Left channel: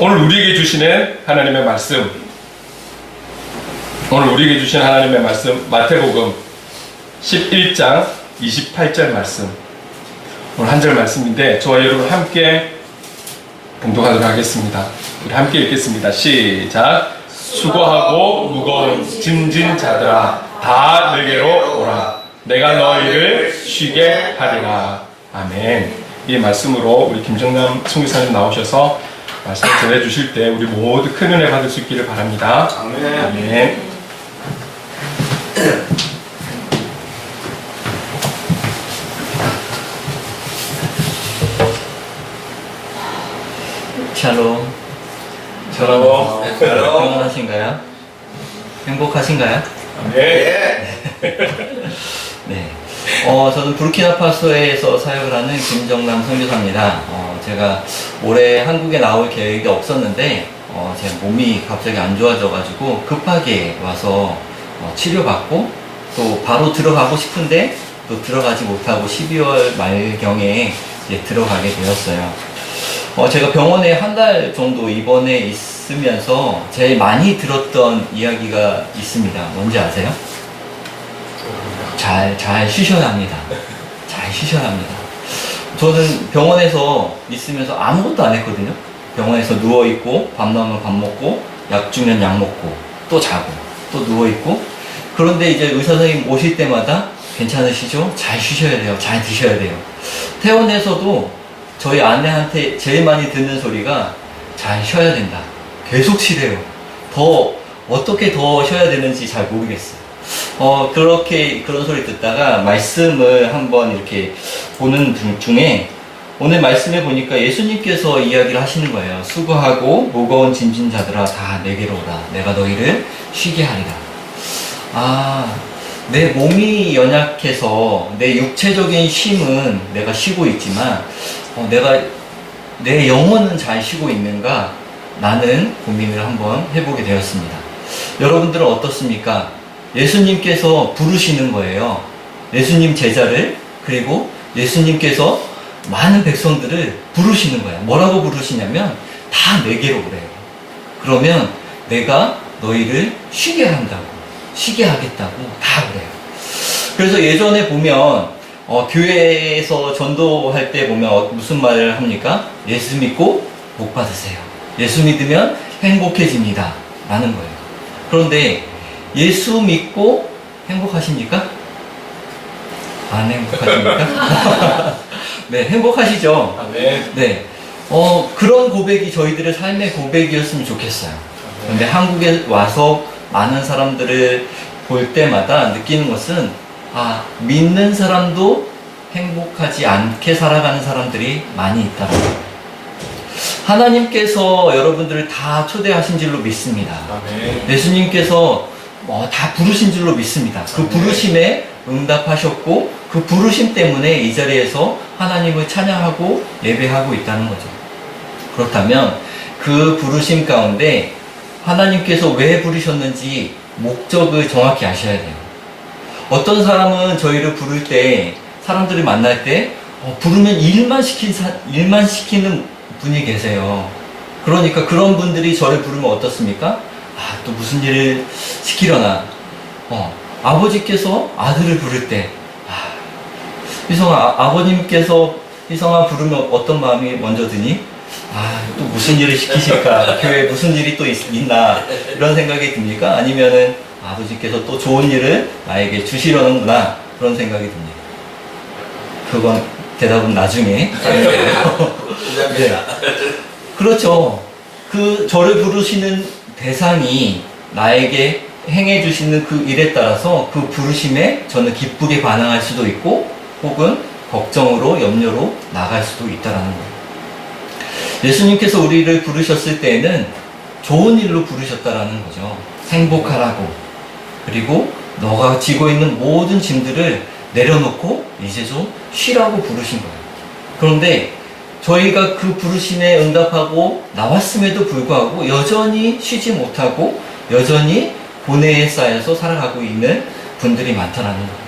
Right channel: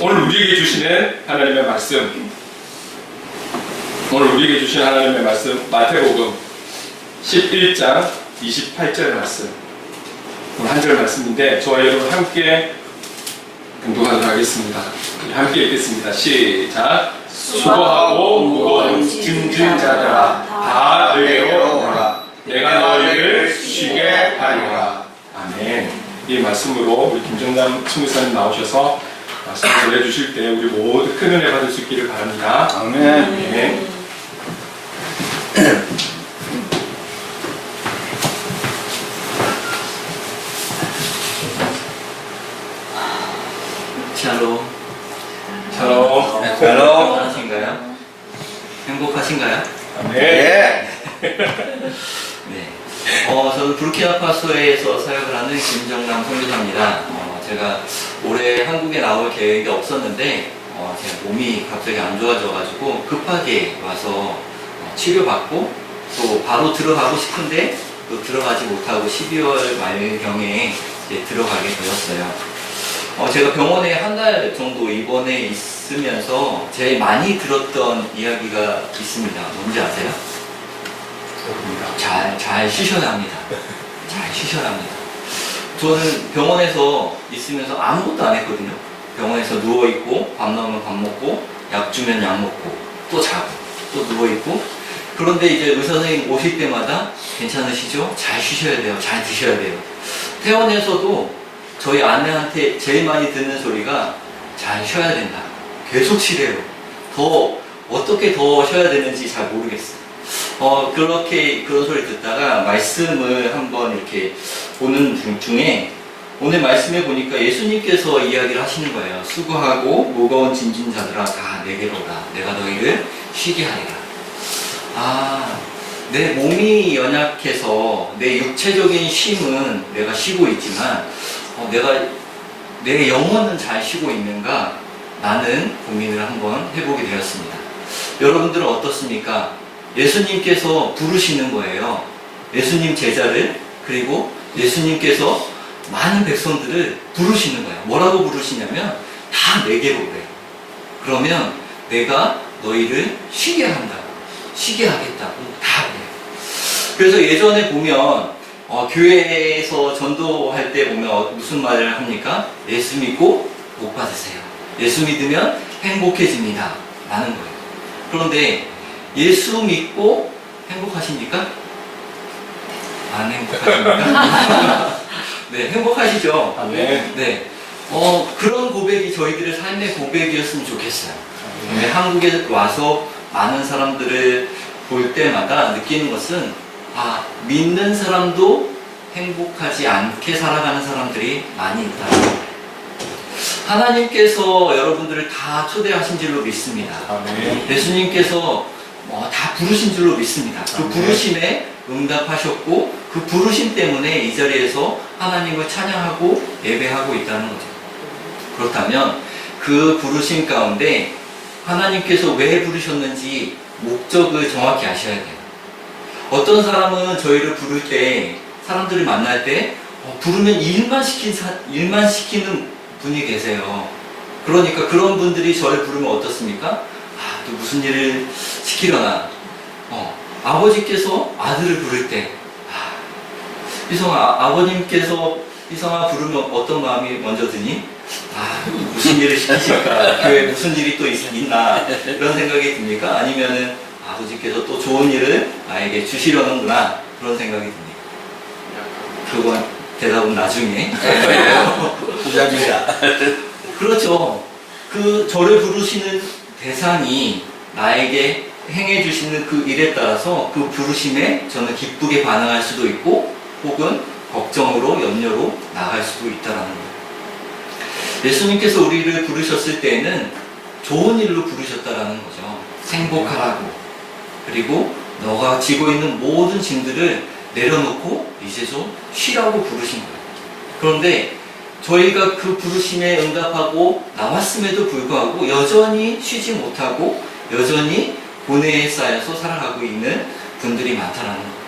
오늘 우리에게 주시는 하나님의 말씀, 오늘 우리에게 주시는 하나님의 말씀, 마태복음 11장 28절 말씀, 오늘 한 절 말씀인데 저와 여러분 함께 봉독하도록 하겠습니다. 우리 함께 읽겠습니다. 시작. 수고하고 무거운 짐진 자들아 다 내게로 오라. 내가 너희를 쉬게 하리라. 아멘. 이 말씀으로 우리 김정남 총리사님 나오셔서 말씀 전해주실 때 우리 모두 큰 은혜 받을 수 있기를 바랍니다. 아멘. 아멘. 샬롬. 샬롬. 건강하신가요? 행복하신가요? 아멘. 예. 네. 저는 부르키나파소에서 사역을 하는 김정남 선교사입니다. 제가 올해 한국에 나올 계획이 없었는데, 제 몸이 갑자기 안 좋아져가지고 급하게 와서 치료받고 또 바로 들어가고 싶은데 또 들어가지 못하고 12월 말경에 이제 들어가게 되었어요. 제가 병원에 한 달 정도 입원해 있으면서 제일 많이 들었던 이야기가 있습니다. 뭔지 아세요? 잘 쉬셔야 합니다. 잘 쉬셔야 합니다. 저는 병원에서 있으면서 아무것도 안 했거든요. 병원에서 누워있고, 밥 나오면 밥 먹고, 약 주면 약 먹고, 또 자고, 또 누워있고. 그런데 이제 의사 선생님 오실 때마다 괜찮으시죠? 잘 쉬셔야 돼요. 잘 드셔야 돼요. 퇴원해서도 저희 아내한테 제일 많이 듣는 소리가 잘 쉬어야 된다. 계속 쉬래요. 어떻게 더 쉬어야 되는지 잘 모르겠어요. 그런 소리 듣다가 말씀을 한번 이렇게 보는 중에 오늘 말씀에 보니까 예수님께서 이야기를 하시는 거예요. 수고하고 무거운 짐진 자들아 다 내게로 오라. 내가 너희를 쉬게 하리라. 내 몸이 연약해서 내 육체적인 쉼은 내가 쉬고 있지만 내 영혼은 잘 쉬고 있는가? 라는 고민을 한번 해보게 되었습니다. 여러분들은 어떻습니까? 예수님께서 부르시는 거예요. 예수님 제자를, 그리고 예수님께서 많은 백성들을 부르시는 거예요. 뭐라고 부르시냐면 다 내게로 오래요. 그러면 내가 너희를 쉬게 한다고, 쉬게 하겠다고 다 그래요. 그래서 예전에 보면 교회에서 전도할 때 보면 무슨 말을 합니까? 예수 믿고 복 받으세요. 예수 믿으면 행복해집니다. 라는 거예요. 그런데 예수 믿고 행복하십니까? 안 행복하십니까? 네, 행복하시죠? 아멘. 네. 그런 고백이 저희들의 삶의 고백이었으면 좋겠어요. 근데 한국에 와서 많은 사람들을 볼 때마다 느끼는 것은 믿는 사람도 행복하지 않게 살아가는 사람들이 많이 있다. 하나님께서 여러분들을 다 초대하신 줄로 믿습니다. 아멘. 예수님께서 다 부르신 줄로 믿습니다. 그 부르심에 응답하셨고 그 부르심 때문에 이 자리에서 하나님을 찬양하고 예배하고 있다는 거죠. 그렇다면 그 부르심 가운데 하나님께서 왜 부르셨는지 목적을 정확히 아셔야 돼요. 어떤 사람은 저희를 부를 때, 사람들이 만날 때 부르면 일만 시키는 분이 계세요. 그러니까 그런 분들이 저를 부르면 어떻습니까? 또 무슨 일을 시키려나. 아버지께서 아들을 부를 때, 희성아, 아버님께서 희성아 부르면 어떤 마음이 먼저 드니? 또 무슨 일을 시키실까? 교회에 무슨 일이 또 있나? 이런 생각이 듭니까? 아니면은 아버지께서 또 좋은 일을 나에게 주시려는구나. 그런 생각이 듭니다. 그건 대답은 나중에. 그렇죠. 저를 부르시는 대상이 나에게 행해주시는 그 일에 따라서 그 부르심에 저는 기쁘게 반응할 수도 있고 혹은 걱정으로 염려로 나갈 수도 있다는 거예요. 예수님께서 우리를 부르셨을 때에는 좋은 일로 부르셨다라는 거죠. 행복하라고. 그리고 너가 지고 있는 모든 짐들을 내려놓고 이제 좀 쉬라고 부르신 거예요. 그런데 저희가 그 부르심에 응답하고 나왔음에도 불구하고 여전히 쉬지 못하고 여전히 고뇌에 쌓여서 살아가고 있는 분들이 많다는 거예요.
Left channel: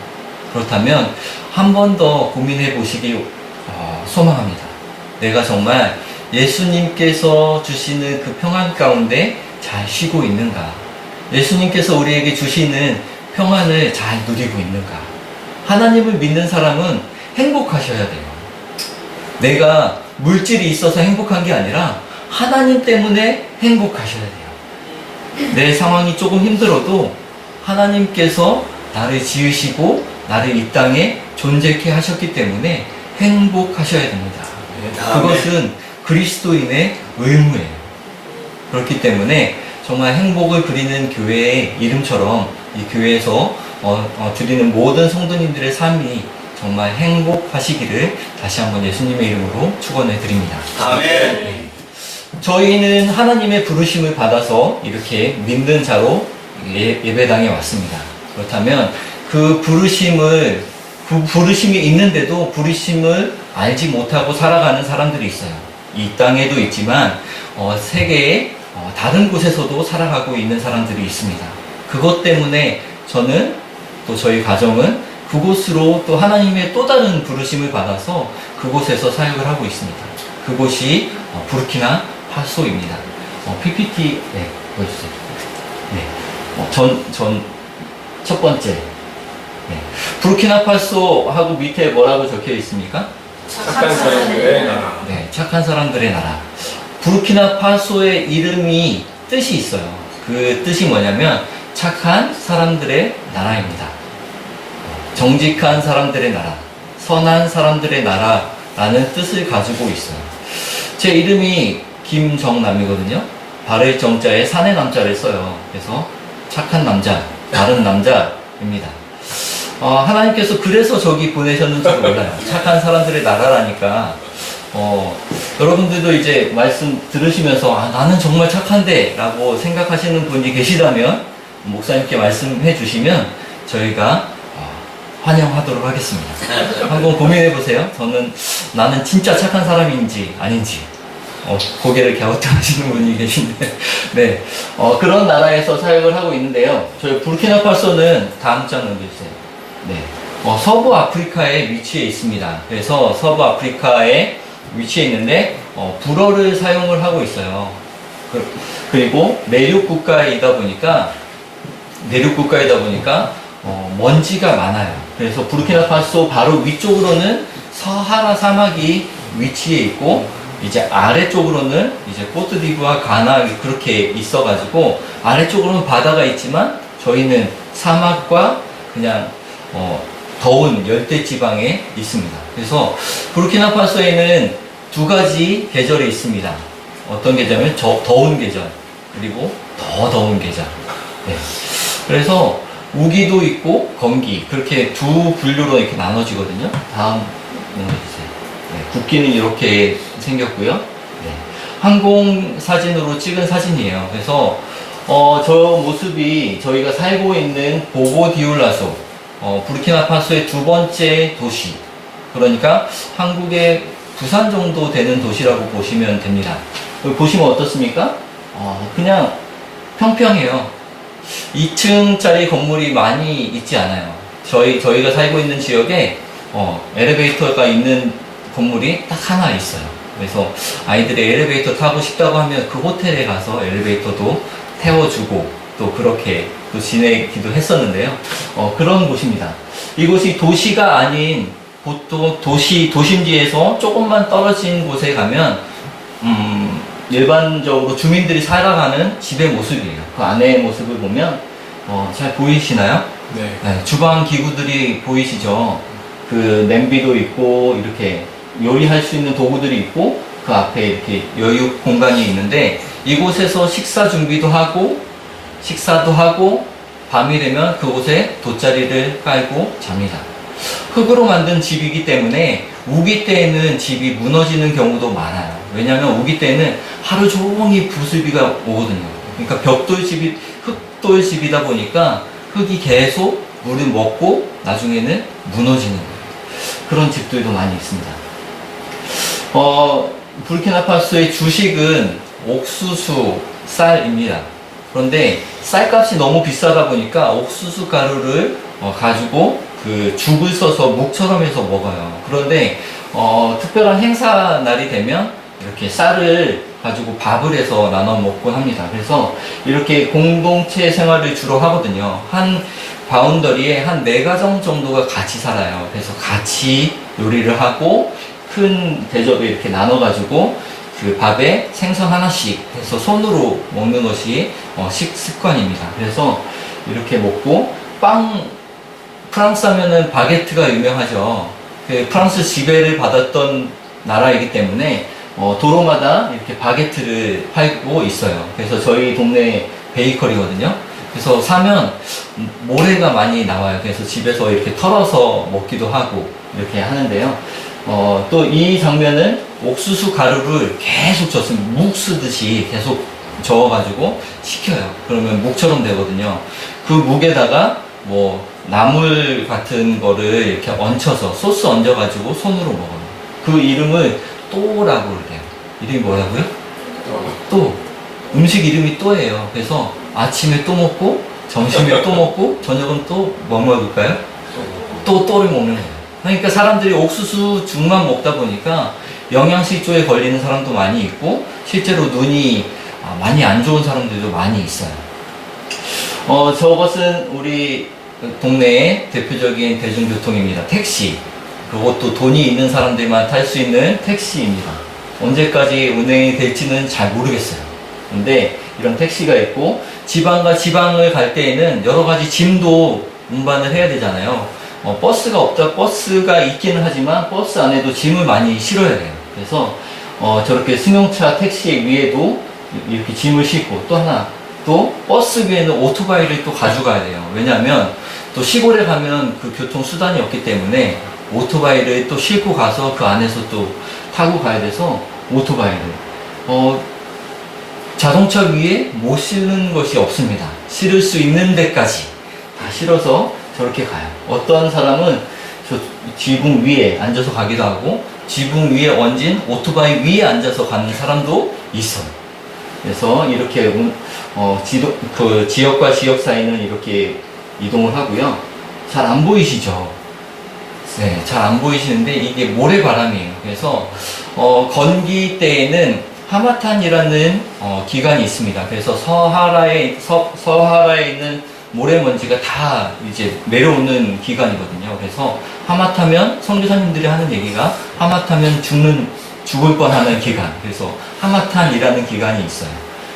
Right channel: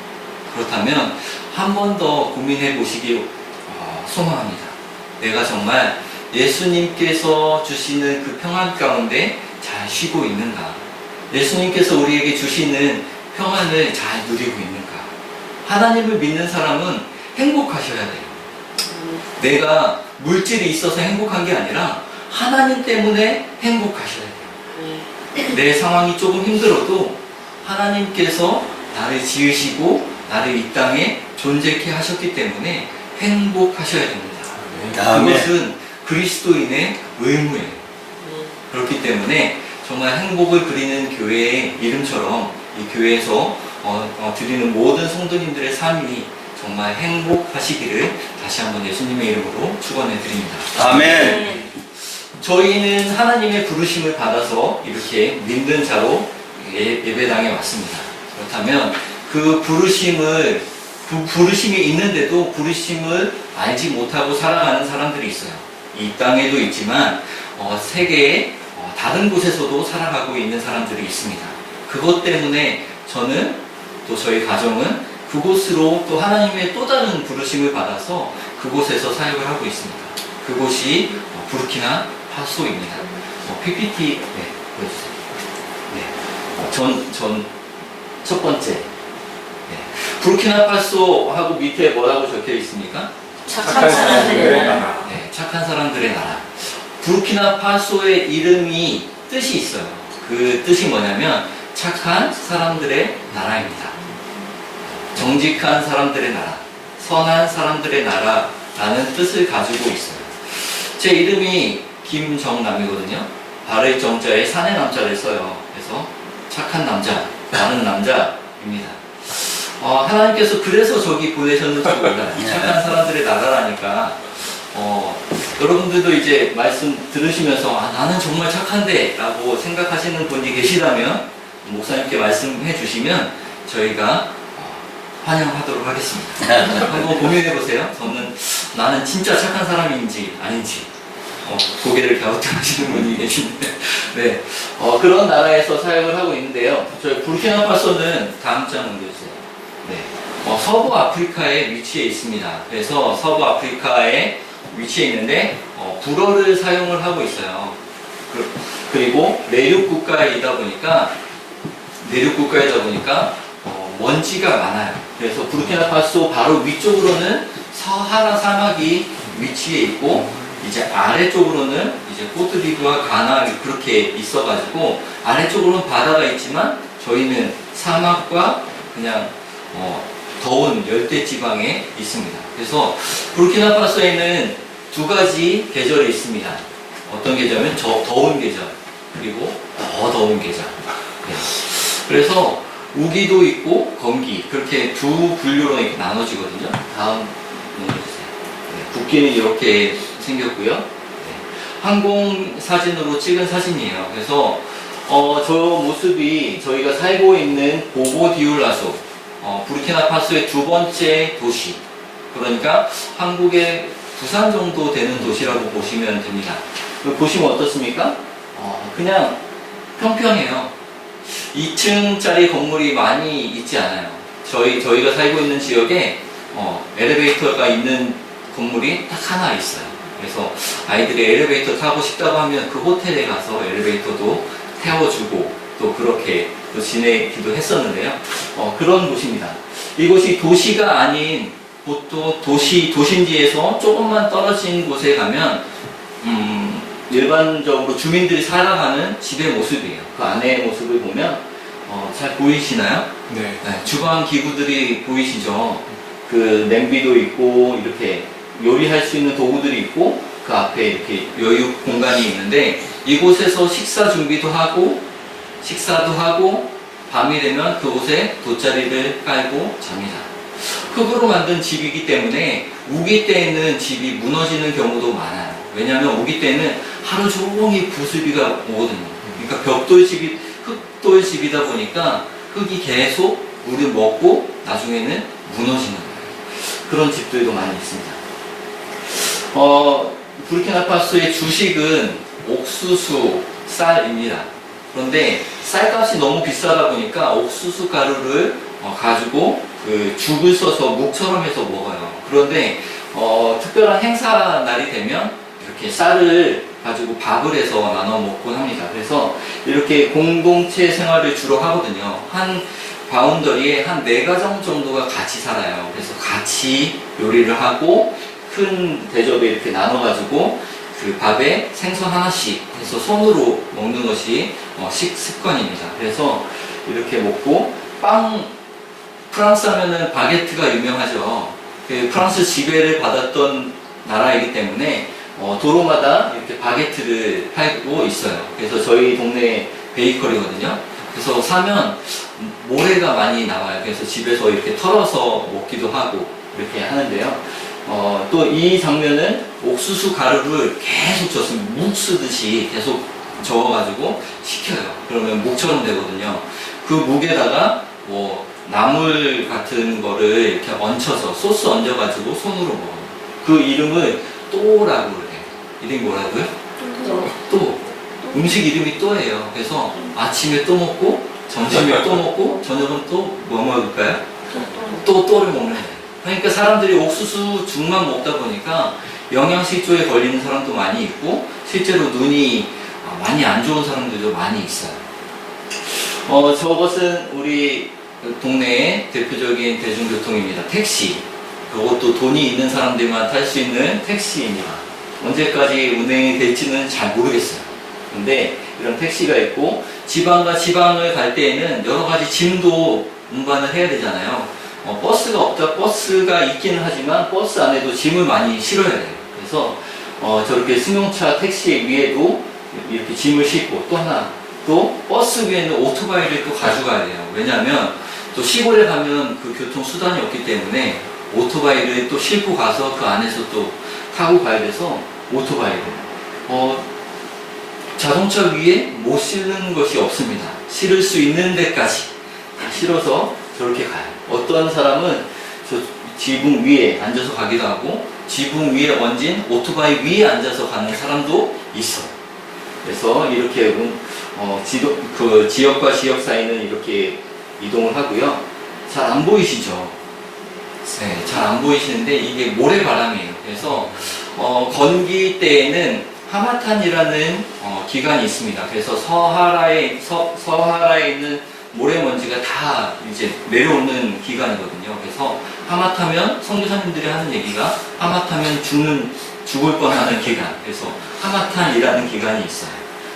그렇다면 한 번 더 고민해 보시기 소망합니다. 내가 정말 예수님께서 주시는 그 평안 가운데 잘 쉬고 있는가? 예수님께서 우리에게 주시는 평안을 잘 누리고 있는가? 하나님을 믿는 사람은 행복하셔야 돼요. 내가 물질이 있어서 행복한 게 아니라 하나님 때문에 행복하셔야 돼요. 내 상황이 조금 힘들어도 하나님께서 나를 지으시고 나를 이 땅에 존재케 하셨기 때문에 행복하셔야 됩니다. 그것은 그리스도인의 의무예요. 그렇기 때문에 정말 행복을 그리는 교회의 이름처럼 이 교회에서 드리는 모든 성도님들의 삶이 정말 행복하시기를 다시 한번 예수님의 이름으로 축원해 드립니다. 아멘. 저희는 하나님의 부르심을 받아서 이렇게 믿는 자로 예배당에 왔습니다. 그렇다면 그 부르심이 있는데도 부르심을 알지 못하고 살아가는 사람들이 있어요. 이 땅에도 있지만 세계의 다른 곳에서도 살아가고 있는 사람들이 있습니다. 그것 때문에 저는 또 저희 가정은 그곳으로 또 하나님의 또 다른 부르심을 받아서 그곳에서 사역을 하고 있습니다. 그곳이 부르키나 파소입니다. PPT 보여주세요. 첫 번째. 부르키나파소하고 밑에 뭐라고 적혀 있습니까? 착한 사람들의 나라. 네, 착한 사람들의 나라. 부르키나파소의 이름이 뜻이 있어요. 그 뜻이 뭐냐면 착한 사람들의 나라입니다. 정직한 사람들의 나라, 선한 사람들의 나라라는 뜻을 가지고 있어요. 제 이름이 김정남이거든요. 바를 정자에 산의 남자를 써요. 그래서 착한 남자, 바른 남자입니다. 하나님께서 그래서 저기 보내셨는지 몰라요. 착한 사람들의 나라라니까. 여러분들도 이제 말씀 들으시면서 나는 정말 착한데 라고 생각하시는 분이 계시다면 목사님께 말씀해 주시면 저희가 환영하도록 하겠습니다. 한번 고민해 보세요. 나는 진짜 착한 사람인지 아닌지 고개를 갸우뚱하시는 분이 계신데 네, 그런 나라에서 사역을 하고 있는데요. 저희 부르키나파소는 다음 장 넘겨주세요. 네, 서부 아프리카에 위치해 있습니다. 그래서 서부 아프리카에 위치해 있는데 불어를 사용을 하고 있어요. 그리고 내륙 국가이다 보니까 먼지가 많아요. 그래서 부르키나파소 바로 위쪽으로는 사하라 사막이 위치해 있고 이제 아래쪽으로는 이제 코트디부와 가나 그렇게 있어가지고 아래쪽으로는 바다가 있지만 저희는 사막과 그냥 더운 열대 지방에 있습니다. 그래서 부르키나파소에는 두 가지 계절이 있습니다. 어떤 계절이면 더운 계절 그리고 더 더운 계절. 네. 그래서 우기도 있고 건기 그렇게 두 분류로 이렇게 나눠지거든요. 다음 넘겨주세요. 네, 국기는 이렇게 생겼고요. 네, 항공 사진으로 찍은 사진이에요. 그래서 저 모습이 저희가 살고 있는 보고디올라소 부르키나파소의 두 번째 도시. 그러니까 한국의 부산 정도 되는 도시라고 보시면 됩니다. 보시면 어떻습니까? 그냥 평평해요. 2층짜리 건물이 많이 있지 않아요. 저희가 살고 있는 지역에 엘리베이터가 있는 건물이 딱 하나 있어요. 그래서 아이들이 엘리베이터 타고 싶다고 하면 그 호텔에 가서 엘리베이터도 태워주고 또 그렇게 또 지내기도 했었는데요. 그런 곳입니다. 이곳이 도시가 아닌 보통 도심지에서 조금만 떨어진 곳에 가면 일반적으로 주민들이 살아가는 집의 모습이에요. 그 안의 모습을 보면 잘 보이시나요? 네. 네, 주방 기구들이 보이시죠? 그 냄비도 있고 이렇게 요리할 수 있는 도구들이 있고 그 앞에 이렇게 여유 공간이 있는데 이곳에서 식사 준비도 하고 식사도 하고 밤이 되면 그곳에 돗자리를 깔고 잡니다. 흙으로 만든 집이기 때문에 우기 때에는 집이 무너지는 경우도 많아요. 왜냐하면 우기 때는 하루 종일 부슬비가 오거든요. 그러니까 흙돌집이다 보니까 흙이 계속 물을 먹고 나중에는 무너지는 그런 집들도 많이 있습니다. 부르키나파소의 주식은 옥수수 쌀입니다. 그런데 쌀값이 너무 비싸다 보니까 옥수수 가루를 가지고 그 죽을 써서 묵처럼 해서 먹어요. 그런데 특별한 행사 날이 되면 이렇게 쌀을 가지고 밥을 해서 나눠 먹곤 합니다. 그래서 이렇게 공동체 생활을 주로 하거든요. 한 바운더리에 한 4가정 정도가 같이 살아요. 그래서 같이 요리를 하고 큰 대접에 이렇게 나눠가지고 그 밥에 생선 하나씩 해서 손으로 먹는 것이 식습관입니다. 그래서 이렇게 먹고 프랑스 하면은 바게트가 유명하죠. 그 프랑스 지배를 받았던 나라이기 때문에 도로마다 이렇게 바게트를 팔고 있어요. 그래서 저희 동네 베이커리거든요. 그래서 사면 모래가 많이 나와요. 그래서 집에서 이렇게 털어서 먹기도 하고 이렇게 하는데요. 또 이 장면은 옥수수 가루를 계속 묵 쓰듯이 계속 저어가지고 식혀요. 그러면 묵처럼 되거든요. 그 묵에다가 뭐 나물 같은 거를 이렇게 얹혀서 소스 얹어가지고 손으로 먹어요. 그 이름을 또라고 그래요. 이름이 뭐라고요? 또. 음식 이름이 또예요. 그래서 아침에 또 먹고 점심에 또 먹고 저녁은 또 뭐 먹을까요? 또를 먹는 거예요. 그러니까 사람들이 옥수수 죽만 먹다 보니까 영양실조에 걸리는 사람도 많이 있고 실제로 눈이 많이 안 좋은 사람들도 많이 있어요. 저것은 우리 동네의 대표적인 대중교통입니다. 택시. 그것도 돈이 있는 사람들만 탈 수 있는 택시입니다. 언제까지 운행이 될지는 잘 모르겠어요. 근데 이런 택시가 있고 지방과 지방을 갈 때에는 여러 가지 짐도 운반을 해야 되잖아요. 버스가 있기는 하지만 버스 안에도 짐을 많이 실어야 돼요. 그래서 저렇게 승용차 택시 위에도 이렇게 짐을 싣고 또 하나 또 버스 위에는 오토바이를 또 가져가야 돼요. 왜냐하면 또 시골에 가면 그 교통수단이 없기 때문에 오토바이를 또 싣고 가서 그 안에서 또 타고 가야 돼서 오토바이를 자동차 위에 못 실는 것이 없습니다. 실을 수 있는 데까지 다 실어서 저렇게 가요. 어떤 사람은 저 지붕 위에 앉아서 가기도 하고 지붕 위에 얹은 오토바이 위에 앉아서 가는 사람도 있어요. 그래서 이렇게 그 지역과 지역 사이는 이렇게 이동을 하고요. 잘 안 보이시죠? 네, 잘 안 보이시는데 이게 모래바람이에요. 그래서 건기 때에는 하마탄이라는 기간이 있습니다. 그래서 서하라에 있는 모래먼지가 다 이제 내려오는 기간이거든요. 그래서 하마타면 선교사님들이 하는 얘기가 하마타면 죽을 뻔하는 기간. 그래서 하마탄이라는 기간이 있어요.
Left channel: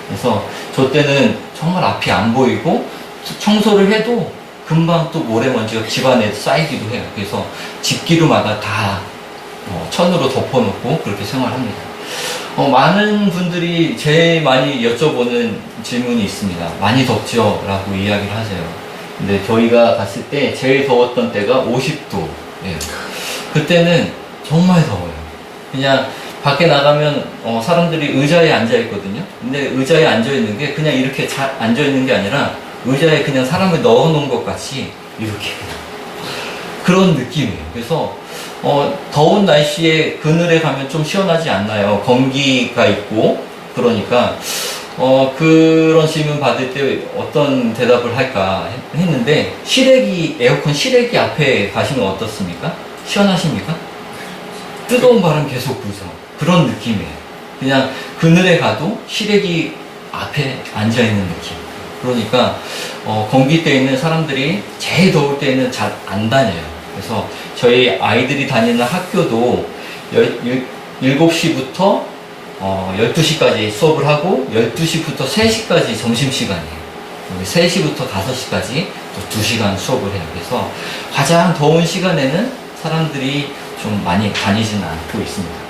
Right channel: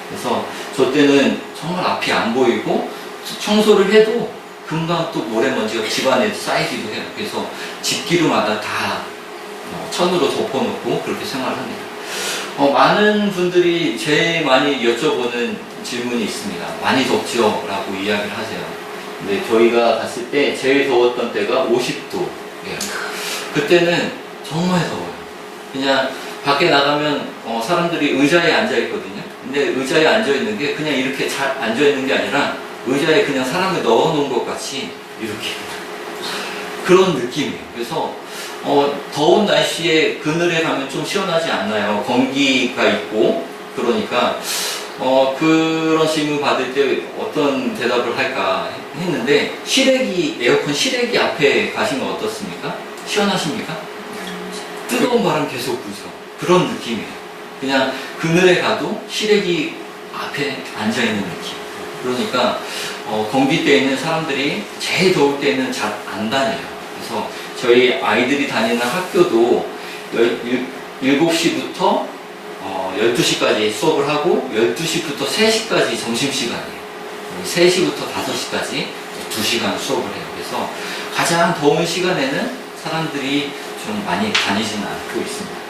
그래서 저 때는 정말 앞이 안 보이고 청소를 해도 금방 또 모래먼지가 집안에 쌓이기도 해요. 그래서 집기류마다 다 천으로 덮어놓고 그렇게 생활합니다. 많은 분들이 제일 많이 여쭤보는 질문이 있습니다. 많이 덥죠? 라고 이야기를 하세요. 근데 저희가 갔을 때 제일 더웠던 때가 50도. 예. 그때는 정말 더워요. 그냥 밖에 나가면 사람들이 의자에 앉아 있거든요. 근데 의자에 앉아 있는 게 그냥 이렇게 잘 앉아 있는 게 아니라 의자에 그냥 사람을 넣어 놓은 것 같이 이렇게 그런 느낌이에요. 그래서 더운 날씨에 그늘에 가면 좀 시원하지 않나요? 건기가 있고 그러니까 그런 질문 받을 때 어떤 대답을 할까 했는데 에어컨 실외기 앞에 가시면 어떻습니까? 시원하십니까? 뜨거운 바람 계속 불죠. 그런 느낌이에요. 그냥 그늘에 가도 실외기 앞에 앉아 있는 느낌. 그러니까 건기 때에는 사람들이 제일 더울 때에는 잘 안 다녀요. 그래서 저희 아이들이 다니는 학교도 7시부터 12시까지 수업을 하고 12시부터 3시까지 점심시간이에요. 3시부터 5시까지 또 2시간 수업을 해요. 그래서 가장 더운 시간에는 사람들이 좀 많이 다니지는 않고 있습니다.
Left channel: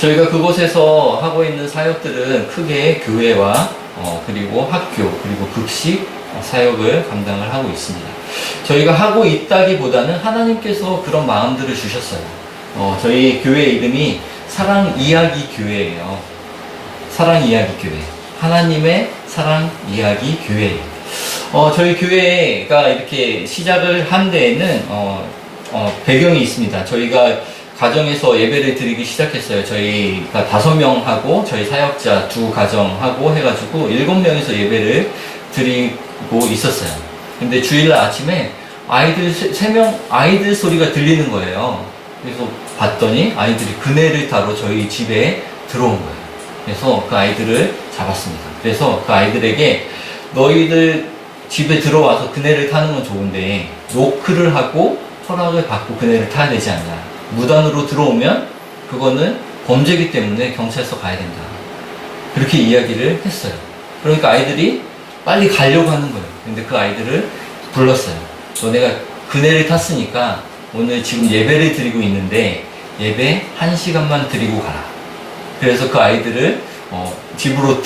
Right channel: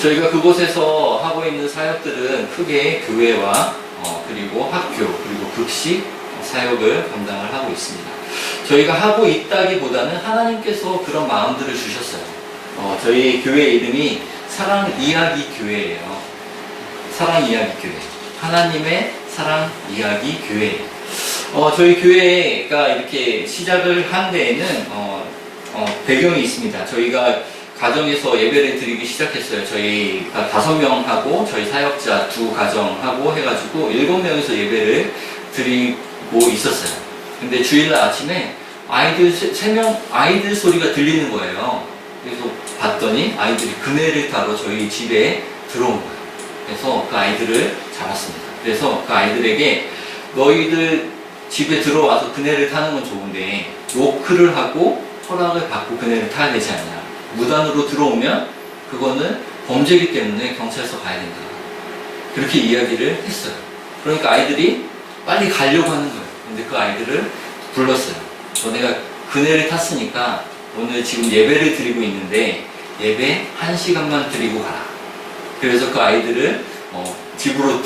저희가 그곳에서 하고 있는 사역들은 크게 교회와 그리고 학교 그리고 급식 사역을 감당을 하고 있습니다. 저희가 하고 있다기보다는 하나님께서 그런 마음들을 주셨어요. 저희 교회 이름이 사랑 이야기 교회예요. 사랑 이야기 교회. 하나님의 사랑 이야기 교회예요. 저희 교회가 이렇게 시작을 한 데에는 배경이 있습니다. 저희가 가정에서 예배를 드리기 시작했어요. 저희가 5명하고 저희 사역자 2가정하고 해가지고 7명이서 예배를 드리고 있었어요. 근데 주일날 아침에 아이들 3명 아이들 소리가 들리는 거예요. 그래서 봤더니 아이들이 그네를 타고 저희 집에 들어온 거예요. 그래서 그 아이들을 잡았습니다. 그래서 그 아이들에게 너희들 집에 들어와서 그네를 타는 건 좋은데 노크를 하고 허락을 받고 그네를 타야 되지 않냐. 무단으로 들어오면 그거는 범죄이기 때문에 경찰서 가야 된다. 그렇게 이야기를 했어요. 그러니까 아이들이 빨리 가려고 하는 거예요. 근데 그 아이들을 불렀어요. 너네가 그네를 탔으니까 오늘 지금 예배를 드리고 있는데 예배 1시간만 드리고 가라. 그래서 그 아이들을 집으로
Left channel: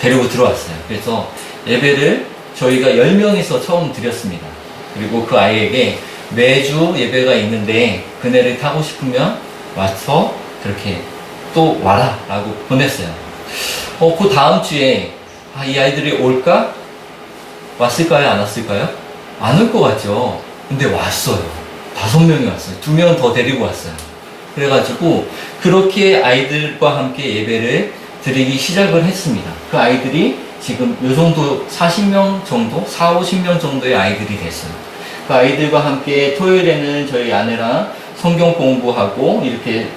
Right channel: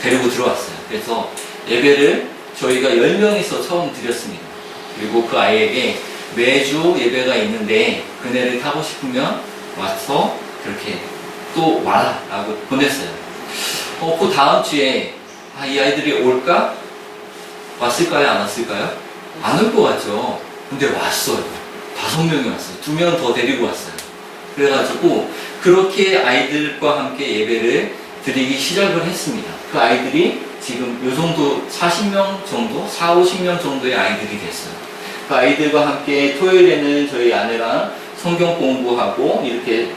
데리고 들어왔어요. 그래서 예배를 저희가 10명이서 처음 드렸습니다. 그리고 그 아이에게 매주 예배가 있는데 그네를 타고 싶으면 와서 그렇게 또 와라 라고 보냈어요. 그 다음 주에 이 아이들이 올까? 왔을까요? 안 왔을까요? 안 올 것 같죠? 근데 왔어요. 5명이 왔어요. 2명 더 데리고 왔어요. 그래가지고 그렇게 아이들과 함께 예배를 드리기 시작을 했습니다. 그 아이들이 지금 요 정도 40명 정도, 50명 정도의 아이들이 됐어요. 그 아이들과 함께 토요일에는 저희 아내랑 성경 공부하고 이렇게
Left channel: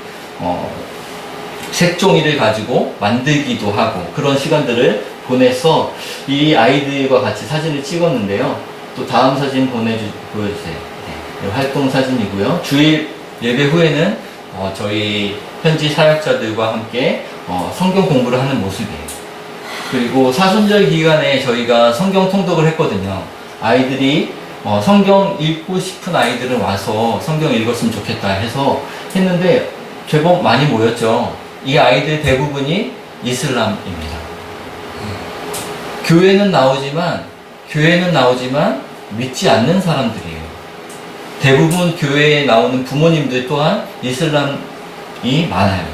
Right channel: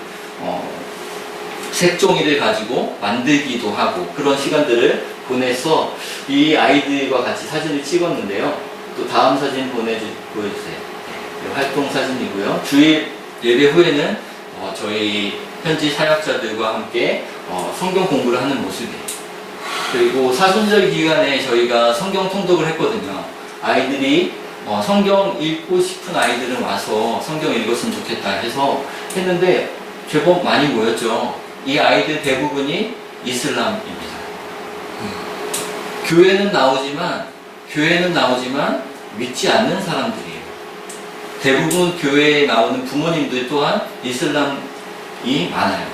색종이를 가지고 만들기도 하고 그런 시간들을 보내서 이 아이들과 같이 사진을 찍었는데요. 또 다음 사진 보여주세요. 네, 활동 사진이고요. 주일 예배 후에는 저희 현지 사역자들과 함께 성경 공부를 하는 모습이에요. 그리고 사순절 기간에 저희가 성경 통독을 했거든요. 아이들이 성경 읽고 싶은 아이들은 와서 성경 읽었으면 좋겠다 해서 했는데 제법 많이 모였죠. 이 아이들 대부분이 이슬람입니다. 교회는 나오지만 믿지 않는 사람들이에요. 대부분 교회에 나오는 부모님들 또한 이슬람이 많아요.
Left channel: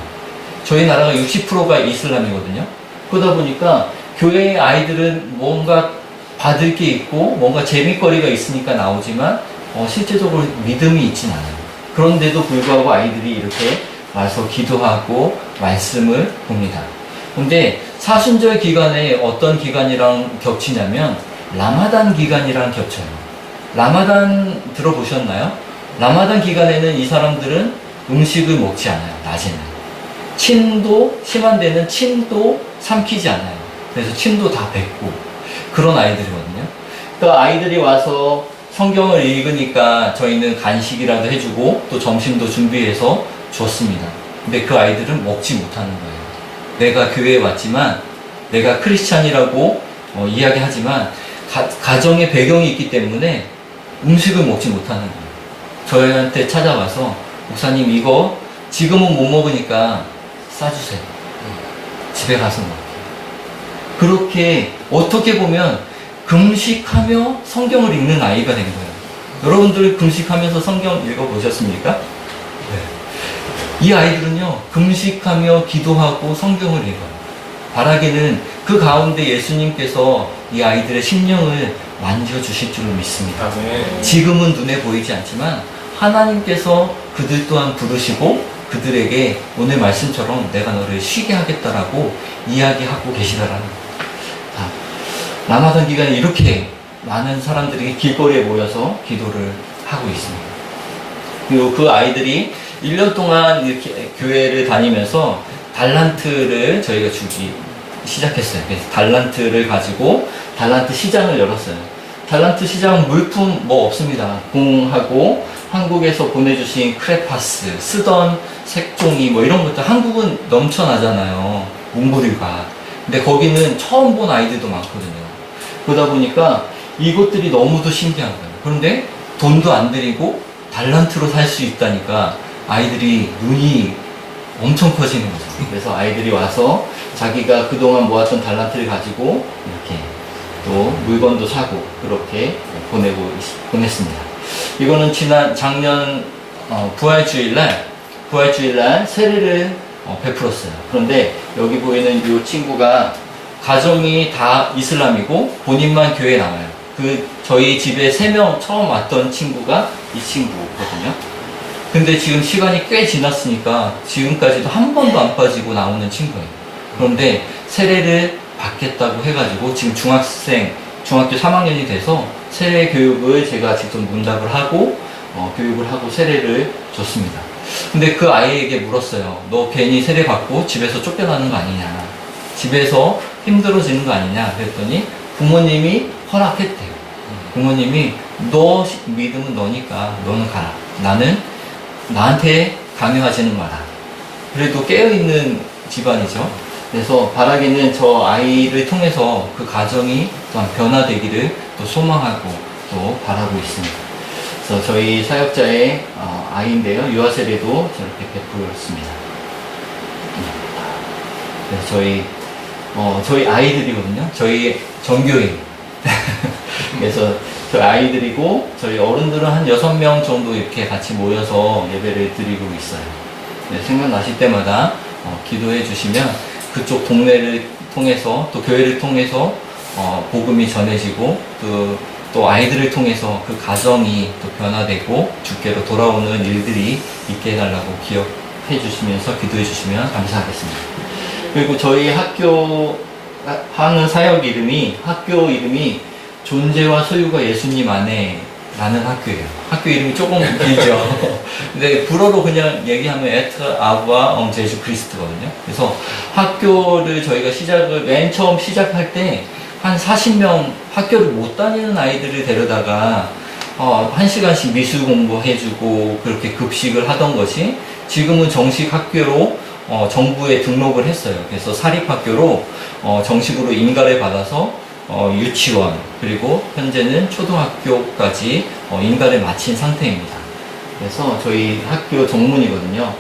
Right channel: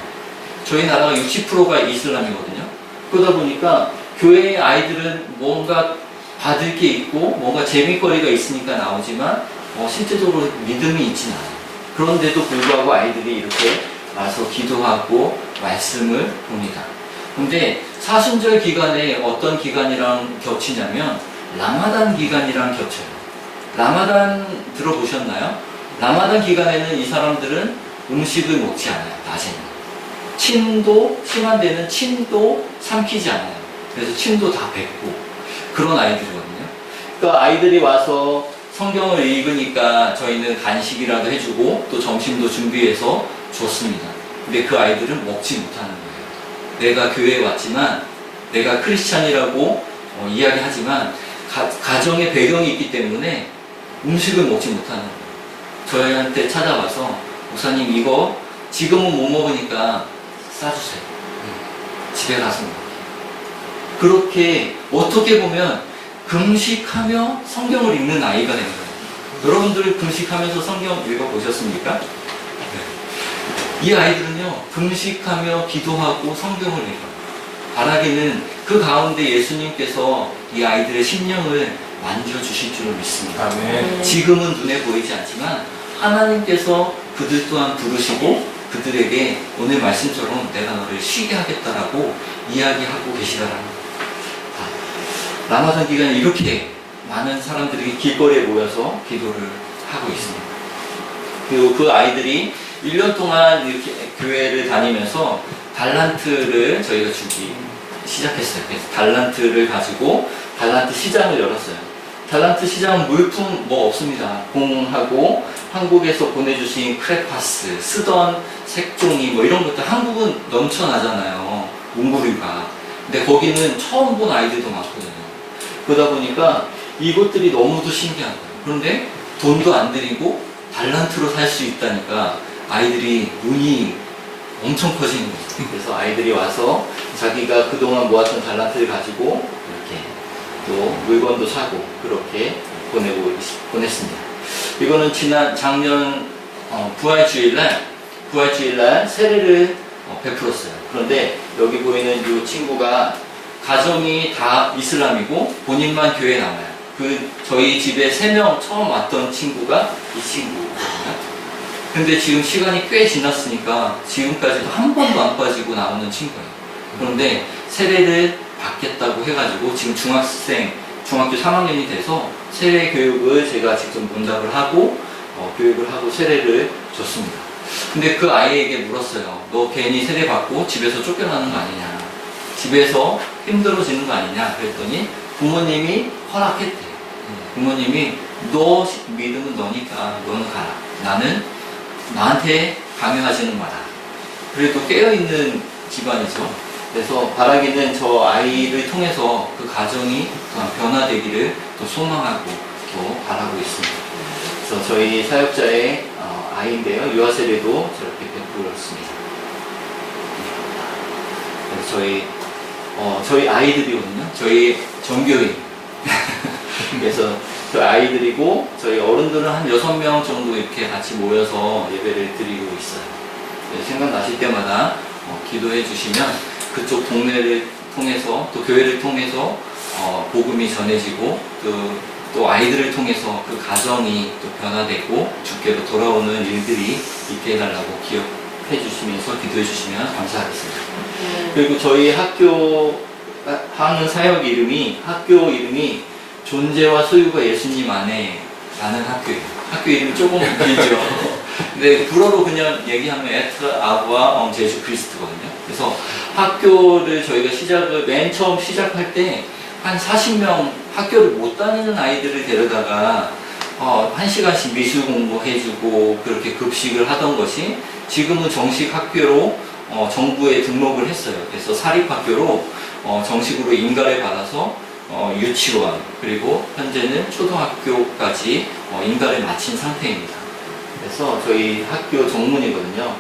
저희 나라가 60%가 이슬람이거든요. 그러다 보니까 교회의 아이들은 뭔가 받을 게 있고 뭔가 재미거리가 있으니까 나오지만 실제적으로 믿음이 있진 않아요. 그런데도 불구하고 아이들이 이렇게 와서 기도하고 말씀을 봅니다. 근데 사순절 기간에 어떤 기간이랑 겹치냐면 라마단 기간이랑 겹쳐요. 라마단 들어보셨나요? 라마단 기간에는 이 사람들은 음식을 먹지 않아요. 낮에는. 침도 심한 데는 침도 삼키지 않아요. 그래서 침도 다 뱉고 그런 아이들이거든요. 그러니까 아이들이 와서 성경을 읽으니까 저희는 간식이라도 해주고 또 점심도 준비해서 줬습니다. 근데 그 아이들은 먹지 못하는 거예요. 내가 교회에 왔지만 내가 크리스찬이라고 이야기하지만 가정의 배경이 있기 때문에 음식을 먹지 못하는 거예요. 저희한테 찾아와서 목사님 이거 지금은 못 먹으니까 싸주세요. 집에 가서 먹을게요. 그렇게 어떻게 보면 금식하며 성경을 읽는 아이가 된 거예요. 여러분들 금식하면서 성경 읽어보셨습니까? 네. 이 아이들은요 금식하며 기도하고 성경을 읽어요. 바라기는 그 가운데 예수님께서 이 아이들의 심령을 만져주실 줄로 믿습니다. 아멘. 지금은 눈에 보이지 않지만 하나님께서 그들 또한 부르시고 그들에게 오늘 말씀처럼 내가 너를 쉬게 하겠다라고 이야기하고 계시다라는 거예요. 라마단 기간에 이렇게 많은 사람들이 길거리에 모여서 기도를 하고 있습니다. 그리고 그 아이들이 1년 동안 이렇게 교회를 다니면서 달란트를 저희가 주기 시작했어요. 그래서 달란트를 가지고 달란트 시장을 열었어요. 달란트 시장 물품 뭐 없습니다. 공하고 한국에서 보내주신 크레파스, 쓰던 색종이 뭐 이런 것들 한국은 넘쳐나잖아요. 문구류가. 근데 거기는 처음 본 아이들도 많거든요. 그러다 보니까 이것들이 너무도 신기한 거예요. 그런데 돈도 안 들이고 달란트로 살 수 있다니까 아이들이 눈이 엄청 커지는 거예요. 그래서 아이들이 와서 자기가 그동안 모았던 달란트를 가지고 이렇게 또 물건도 사고 그렇게 보냈습니다. 이거는 작년 부활주일날 세례를 베풀었어요. 그런데 여기 보이는 이 친구가 가정이 다 이슬람이고 본인만 교회에 나와요. 저희 집에 3명 처음 왔던 친구가 이 친구거든요. 근데 지금 시간이 꽤 지났으니까 지금까지도 한 번도 안 빠지고 나오는 친구예요. 그런데 세례를 받겠다고 해가지고 지금 중학교 3학년이 돼서 세례 교육을 제가 직접 문답을 하고 교육을 하고 세례를 줬습니다. 근데 그 아이에게 물었어요. 너 괜히 세례 받고 집에서 쫓겨나는 거 아니냐. 집에서 힘들어지는 거 아니냐. 그랬더니 부모님이 허락했대요. 부모님이 너 믿음은 너니까 너는 가라. 나는 나한테 강요하지는 마라. 그래도 깨어있는 집안이죠. 그래서 바라기는 저 아이를 통해서 그 가정이 또한 변화되기를 또 소망하고 또 바라고 있습니다. 그래서 저희 사역자의 아이인데요. 유아세례도 저렇게 베풀었습니다. 그래서 저희 아이들이거든요. 저희 전교인. 그래서 저희 아이들이고 저희 어른들은 한 6명 정도 이렇게 같이 모여서 예배를 드리고 있어요. 생각나실 때마다 기도해 주시면 그쪽 동네를 통해서 또 교회를 통해서 복음이 전해지고 또 아이들을 통해서 그 가정이 또 변화되고 주께로 돌아오는 일들이 있게 해달라고 기억해 주시면서 기도해 주시면 감사하겠습니다. 그리고 저희 학교 하는 사역 학교 이름이 존재와 소유가 예수님 안에 라는 학교예요. 학교 이름이 조금 길죠. 근데 불어로 그냥 얘기하면 에트 아부와 제주 크리스트거든요. 그래서 학교를 저희가 맨 처음 시작할 때 한 40명 학교를 못 다니는 아이들을 데려다가 1시간씩 미술 공부해주고 그렇게 급식을 하던 것이 지금은 정식 학교로 정부에 등록을 했어요. 그래서 사립학교로 정식으로 인가를 받아서 유치원 그리고 현재는 초등학교까지 인가를 마친 상태입니다. 그래서 저희 학교 정문이거든요.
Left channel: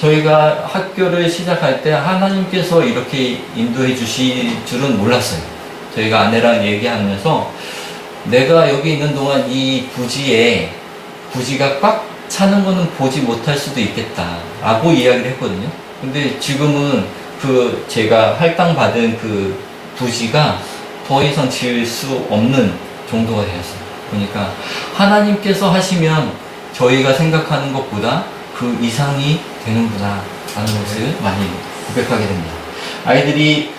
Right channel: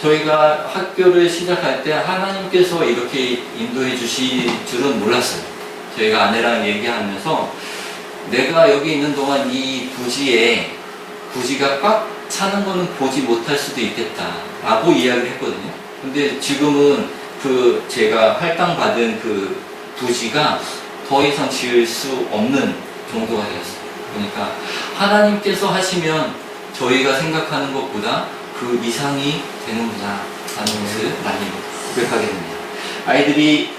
저희가 학교를 시작할 때 하나님께서 이렇게 인도해 주실 줄은 몰랐어요. 저희가 아내랑 얘기하면서 내가 여기 있는 동안 이 부지가 꽉 차는 거는 보지 못할 수도 있겠다 라고 이야기를 했거든요. 근데 지금은 제가 할당받은 그 부지가 더 이상 지을 수 없는 정도가 되었어요. 그러니까 하나님께서 하시면 저희가 생각하는 것보다 그 이상이 되는구나 라는 것을 많이 고백하게 됩니다. 아이들이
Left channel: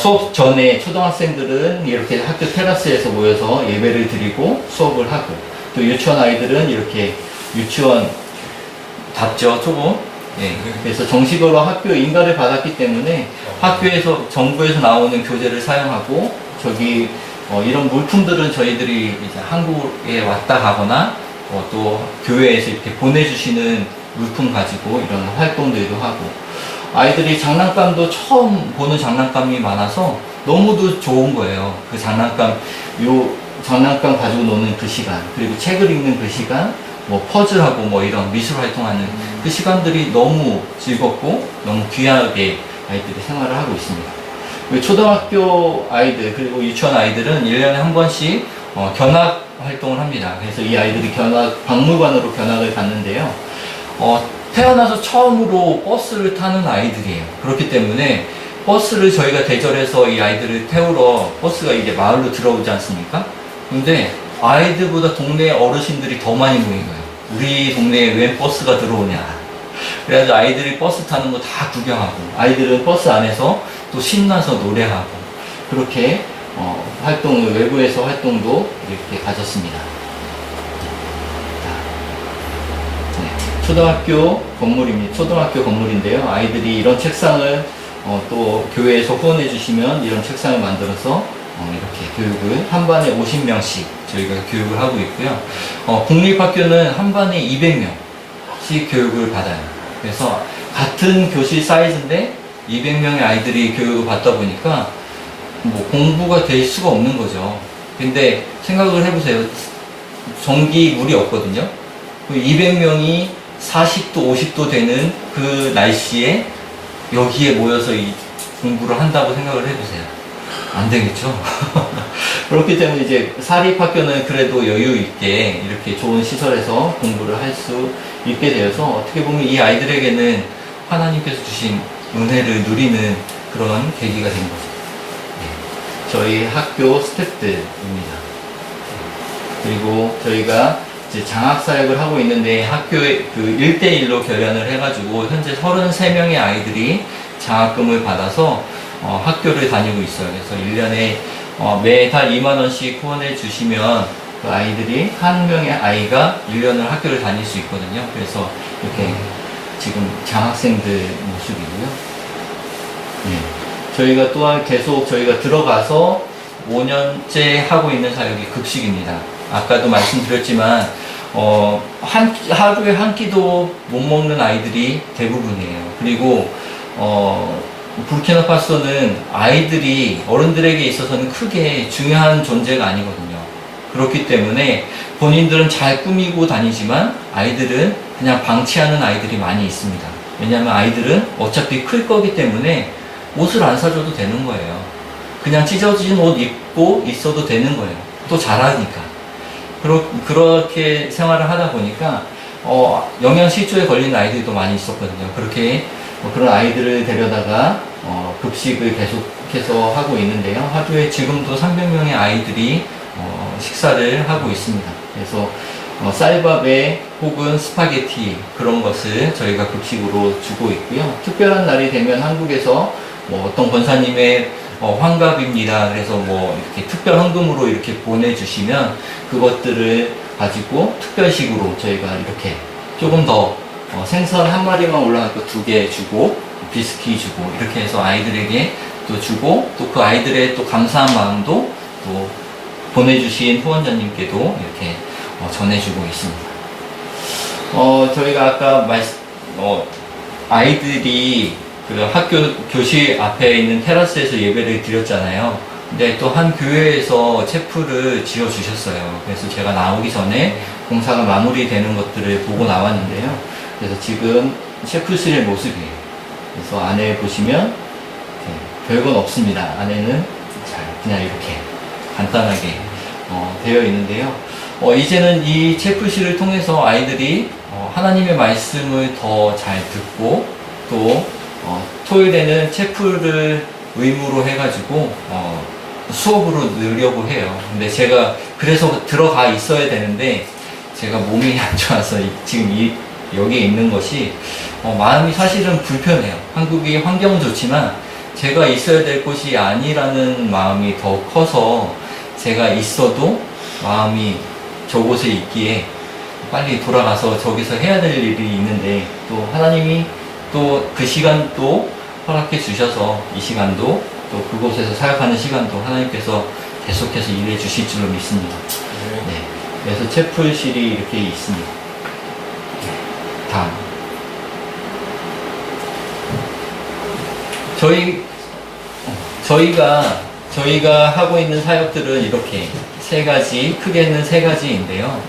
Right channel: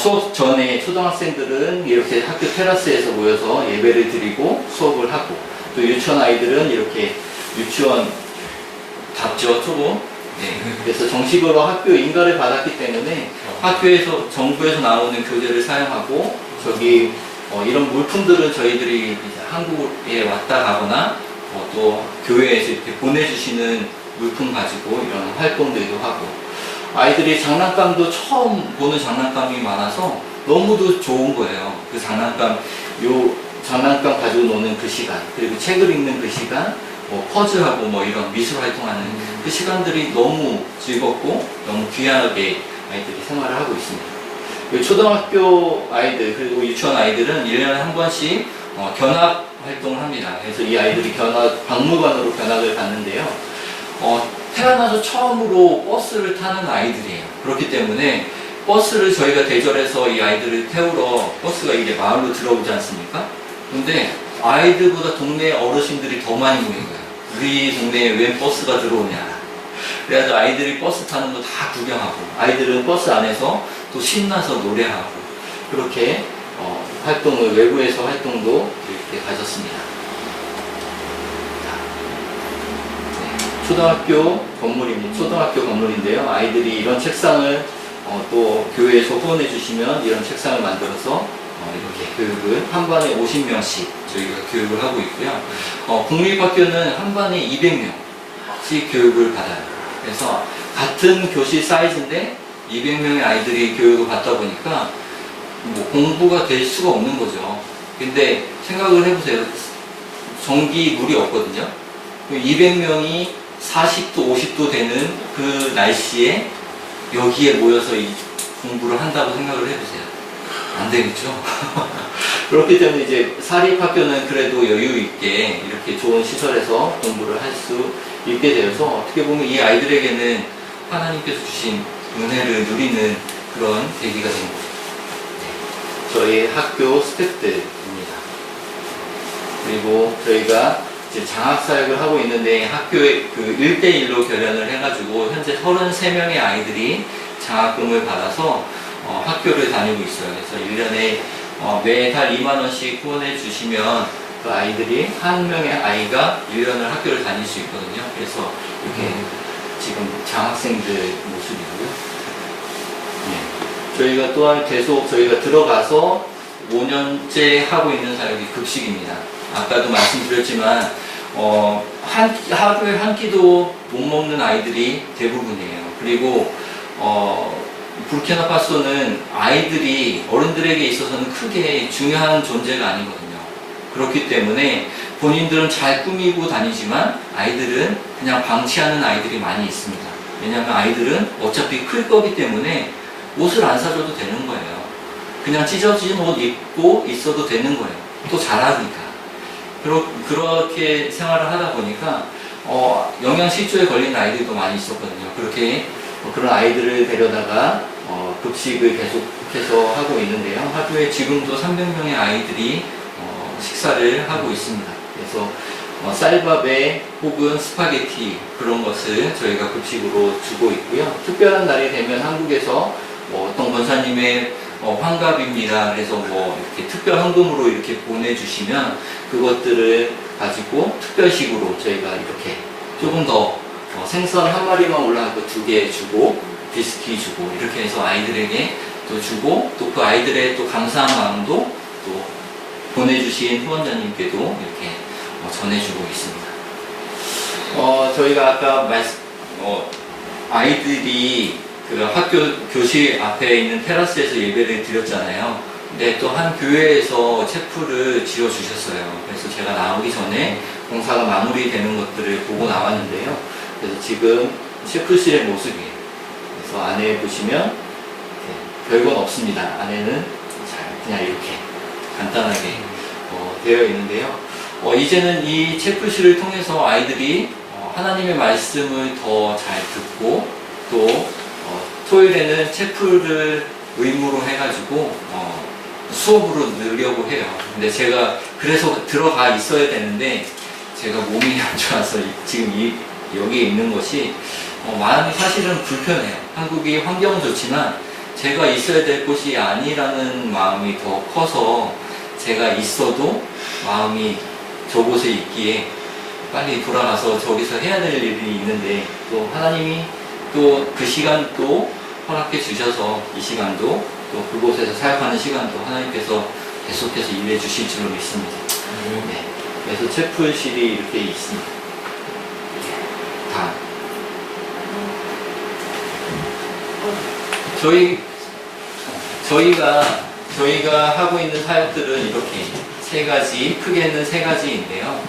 수업 전에 초등학생들은 이렇게 학교 테라스에서 모여서 예배를 드리고 수업을 하고 또 유치원 아이들은 이렇게 유치원답죠 조금. 예, 그래서 정식으로 학교 인가를 받았기 때문에 학교에서 정부에서 나오는 교재를 사용하고 이런 물품들은 저희들이 이제 한국에 왔다 가거나 또 교회에서 이렇게 보내주시는 물품 가지고 이런 활동들도 하고 아이들이 장난감도 처음 보는 장난감이 많아서 너무도 좋은 거예요. 그 장난감 가지고 노는 그 시간 그리고 책을 읽는 그 시간 퍼즐하고 이런 미술 활동하는 그 시간들이 너무 즐겁고 너무 귀하게 아이들이 생활을 하고 있습니다. 초등학교 아이들 그리고 유치원 아이들은 1년에 한 번씩 견학 활동을 합니다. 그래서 이 아이들이 박물관으로 견학을 갔는데요. 태어나서 처음으로 버스를 타는 아이들이에요. 그렇기 때문에 버스를 저희가 대절해서 이 아이들을 태우러 버스가 이제 마을로 들어오지 않습니까? 근데 아이들보다 동네 어르신들이 더 많이 모인 거예요. 우리 동네에 왜 버스가 들어오냐. 그래가지고 아이들이 버스 타는 거 다 구경하고 아이들은 버스 안에서 또 신나서 노래하고 그렇게 외부에서 활동도 이렇게 가졌습니다. 초등학교 건물인데요. 아이들이 이런 책상을 또 교회에서 후원해 주시면 이런 책상을 만들어서 이렇게 교육을 한 반에 50명씩 저희가 교육을 하고 있고요. 국립학교는 한 반에 200명씩 교육을 받아요. 그래서 같은 교실 사이즈인데 200명의 아이들이 교육을 받다 보니까 공부가 될 수가 없는 거죠. 근데 생각을 해보세요. 전기 물이 없거든요. 200명이 40도, 50도 되는 그 날씨에 여기에 모여서 이 공부를 한다고 생각을 해보세요. 안 되겠죠? 그렇기 때문에 이제 사립학교는 그래도 여유 있게 이렇게 좋은 시설에서 공부를 할 수 있게 되어서 어떻게 보면 이 아이들에게는 하나님께서 주신 은혜를 누리는 그런 계기가 된 거죠. 네. 저희 학교 스태프들입니다. 그리고 저희가 이제 장학사역을 하고 있는데 학교에 1대1로 결연을 해가지고 현재 33명의 아이들이 장학금을 받아서 학교를 다니고 있어요. 그래서 1년에 매달 2만원씩 후원해 주시면 그 아이들이 한 명의 아이가 1년을 학교를 다닐 수 있거든요. 그래서 이렇게 지금 장학생들 모습이고요. 저희가 또한 계속 저희가 들어가서 5년째 하고 있는 사역이 급식입니다. 아까도 말씀드렸지만 하루에 한 끼도 못 먹는 아이들이 대부분이에요. 그리고 부르키나파소는 아이들이 어른들에게 있어서는 크게 중요한 존재가 아니거든요. 그렇기 때문에 본인들은 잘 꾸미고 다니지만 아이들은 그냥 방치하는 아이들이 많이 있습니다. 왜냐하면 아이들은 어차피 클 거기 때문에 옷을 안 사줘도 되는 거예요. 그냥 찢어진 옷 입고 있어도 되는 거예요. 또 자라니까. 그렇게 생활을 하다 보니까 영양실조에 걸린 아이들도 많이 있었거든요. 그렇게 그런 아이들을 데려다가 급식을 계속해서 하고 있는데요. 하루에 지금도 300명의 아이들이 식사를 하고 있습니다. 그래서 쌀밥에 혹은 스파게티 그런 것을 저희가 급식으로 주고 있고요. 특별한 날이 되면 한국에서 어떤 권사님의 환갑입니다. 그래서 이렇게 특별 헌금으로 이렇게 보내주시면 그것들을 가지고 특별식으로 저희가 이렇게 조금 더 생선 한 마리만 올라가고 2개 주고 비스킷 주고 이렇게 해서 아이들에게 또 주고 또 그 아이들의 또 감사한 마음도 또 보내주신 후원자님께도 이렇게 전해주고 있습니다. 저희가 아까 아이들이 그 학교 교실 앞에 있는 테라스에서 예배를 드렸잖아요. 근데 또 한 교회에서 체프를 지어 주셨어요. 그래서 제가 나오기 전에 공사가 마무리되는 것들을 보고 나왔는데요. 그래서 지금 체프실의 모습이에요. 그래서 안에 보시면 별건 없습니다. 안에는 그냥 이렇게 간단하게 되어 있는데요. 이제는 이 체프실을 통해서 아이들이 하나님의 말씀을 더 잘 듣고 또 토요일에는 체프를 의무로 해가지고 수업으로 넣으려고 해요. 근데 제가 그래서 들어가 있어야 되는데 제가 몸이 안 좋아서 지금 여기 있는 것이 마음이 사실은 불편해요. 한국이 환경은 좋지만 제가 있어야 될 곳이 아니라는 마음이 더 커서 제가 있어도 마음이 저곳에 있기에 빨리 돌아가서 저기서 해야 될 일이 있는데 또 하나님이 또 그 시간도 허락해 주셔서 이 시간도 또 그곳에서 사역하는 시간도 하나님께서 계속해서 일해 주실 줄로 믿습니다. 네. 그래서 채플실이 이렇게 있습니다. 저희가 하고 있는 사역들은 이렇게 크게는 세 가지인데요.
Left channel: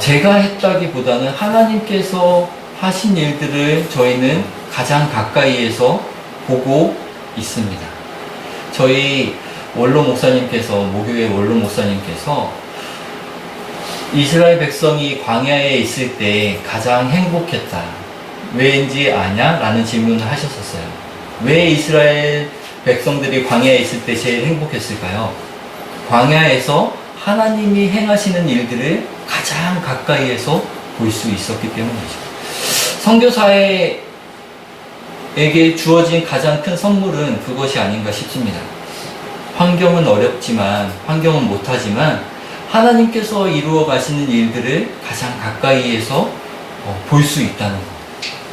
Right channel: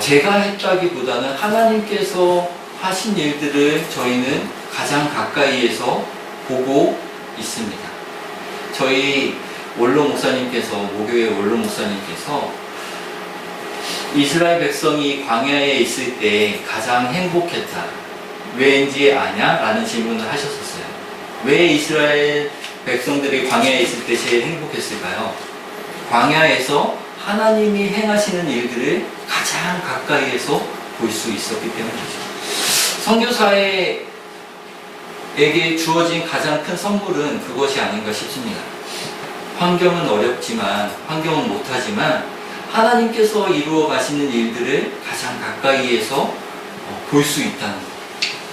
제가 했다기보다는 하나님께서 하신 일들을 저희는 가장 가까이에서 보고 있습니다. 저희 모교회 원로 목사님께서 이스라엘 백성이 광야에 있을 때 가장 행복했다. 왜인지 아냐? 라는 질문을 하셨었어요. 왜 이스라엘 백성들이 광야에 있을 때 제일 행복했을까요? 광야에서 하나님이 행하시는 일들을 가장 가까이에서 볼 수 있었기 때문이죠. 선교사에게 주어진 가장 큰 선물은 그것이 아닌가 싶습니다. 환경은 어렵지만, 환경은 못하지만 하나님께서 이루어 가시는 일들을 가장 가까이에서 볼 수 있다는 것.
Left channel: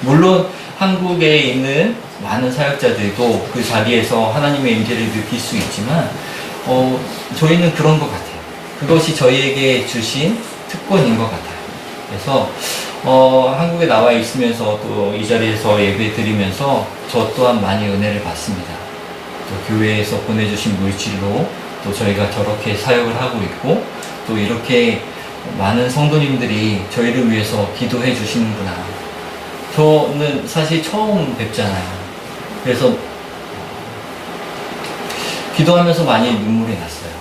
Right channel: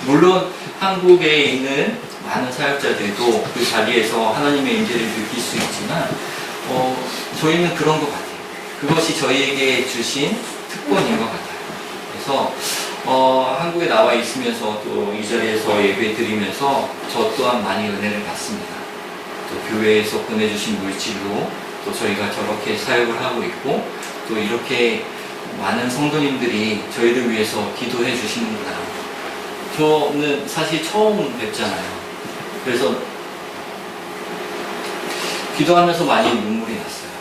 물론 한국에 있는 많은 사역자들도 그 자리에서 하나님의 임재를 느낄 수 있지만 저희는 그런 것 같아요. 그것이 저희에게 주신 특권인 것 같아요. 그래서 한국에 나와 있으면서 또 이 자리에서 예배 드리면서 저 또한 많이 은혜를 받습니다. 또 교회에서 보내주신 물질로 또 저희가 저렇게 사역을 하고 있고 또 이렇게 많은 성도님들이 저희를 위해서 기도해 주시는구나. 저는 사실 처음 뵙잖아요. 그래서 기도하면서 많이 눈물이 났어요.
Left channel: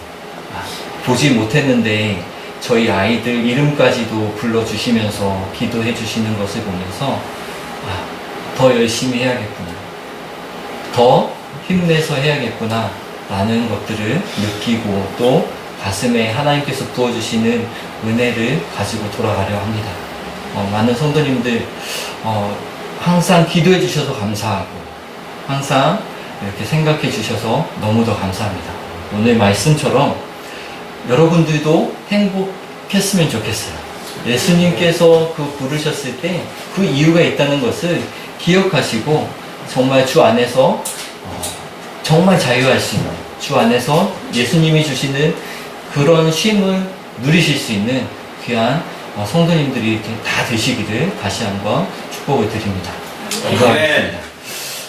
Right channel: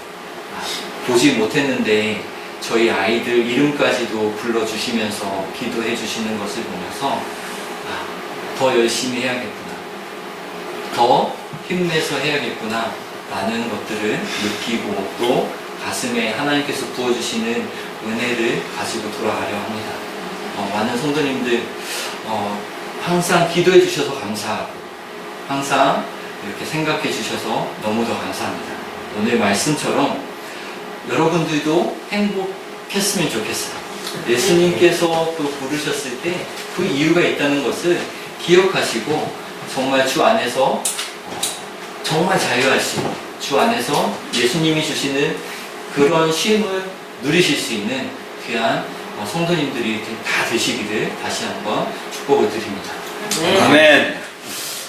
보지 못했는데 저희 아이들 이름까지도 불러주시면서 기도해 주시는 것을 보면서 더 열심히 해야겠구나. 더 힘내서 해야겠구나. 라는 것들을 느끼고 또 가슴에 하나님께서 부어주시는 은혜를 가지고 돌아가려 합니다. 많은 성도님들 항상 기도해 주셔서 감사하고 항상 이렇게 생각해 주셔서 너무도 감사합니다. 오늘 말씀처럼 여러분들도 행복했으면 좋겠어요. 예수님께서 그 부르셨을 때 그 이유가 있다는 것을 기억하시고 정말 주 안에서 정말 자유하시고 주 안에서 예수님이 주시는 그런 쉼을 누리실 수 있는 귀한 성도님들이 이렇게 다 되시기를 다시 한번 축복을 드립니다. 아멘.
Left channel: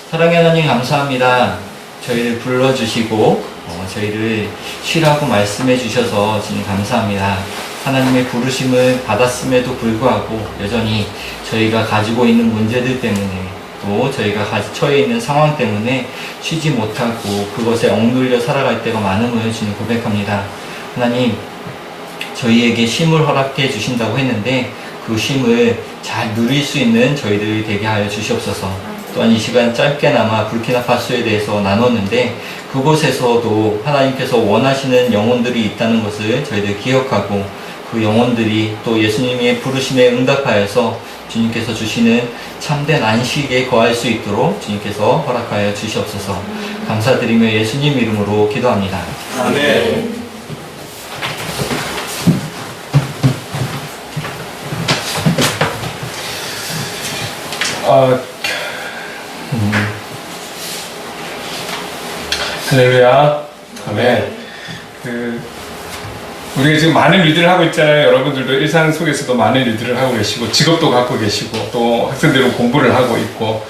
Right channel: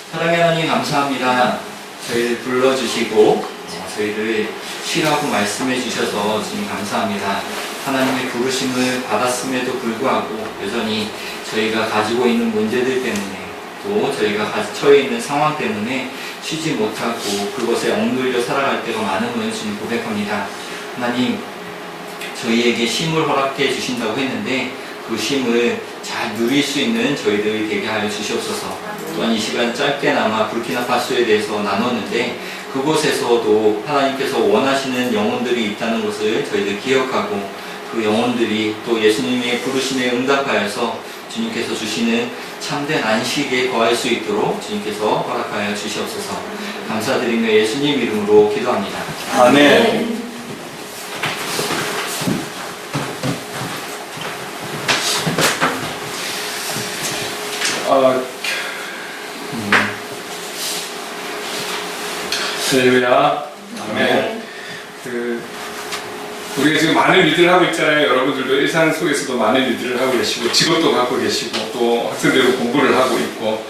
사랑의 하나님 감사합니다. 저희를 불러주시고 저희를 쉬라고 말씀해 주셔서 주님 감사합니다. 하나님의 부르심을 받았음에도 불구하고 여전히 저희가 가지고 있는 문제들 때문에 또 저희가 처해 있는 상황 때문에 쉬지 못하고 그것에 억눌려 살아갈 때가 많음을 주님 고백합니다. 하나님, 저희에게 쉼을 허락해 주신다고 했는데 그 쉼을 잘 누릴 수 있는 저희들이 되게 하여 주시옵소서. 또한 이 시간 짧게나마 부르키나파소에 대해서 나눴는데 그곳에서도 하나님께서 원하시는 영혼들이 있다는 것을 저희들 기억하고 그 영혼들이 또 예수님의 부르심에 응답하여서 주님께서 주시는 참된 안식에 거할 수 있도록 주님께서 허락하여 주시옵소서. 감사드리며 예수님 이름으로 기도합니다. 아멘. 할렐루야. 아멘. 우리가 지금 많은 일들을 하고 있잖아요. 여러분들도 일상 속에서도 많은 일들을 하고 계시고 직업도 갖고 계시고 또 학생들은 공부를 하고 있고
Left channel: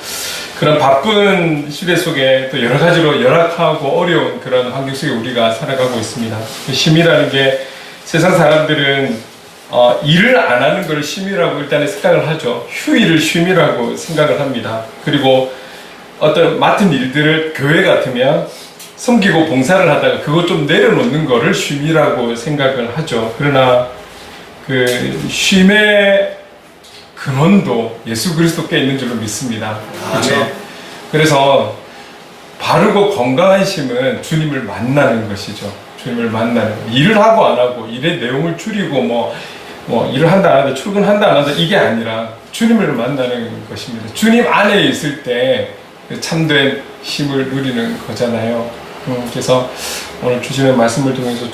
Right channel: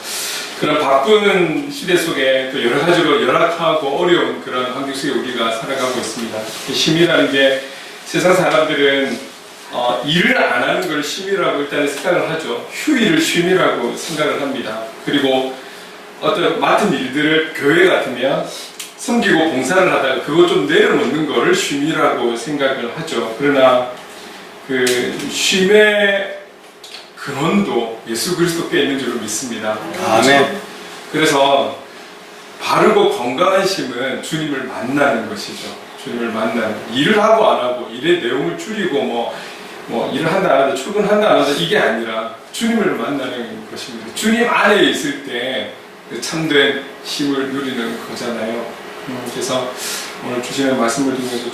그런 바쁜 시대 속에 또 여러 가지로 열악하고 어려운 그런 환경 속에 우리가 살아가고 있습니다. 쉼이라는 게 세상 사람들은 일을 안 하는 걸 쉼이라고 일단은 생각을 하죠. 휴일을 쉼이라고 생각을 합니다. 그리고 어떤 맡은 일들을 교회 같으면 섬기고 봉사를 하다가 그것 좀 내려놓는 거를 쉼이라고 생각을 하죠. 그러나 그 쉼의 근원도 예수 그리스도께 있는 줄로 믿습니다. 아멘. 그래서 바르고 건강한 쉼은 주님을 만나는 것이죠. 주님을 만나는 일을 하고 안 하고 일의 내용을 줄이고 뭐 일을 한다 안 한다 출근한다 안 한다 이게 아니라 주님을 만나는 것입니다. 주님 안에 있을 때 참된 쉼을 누리는 거잖아요. 그래서 오늘 주시는 말씀을 통해서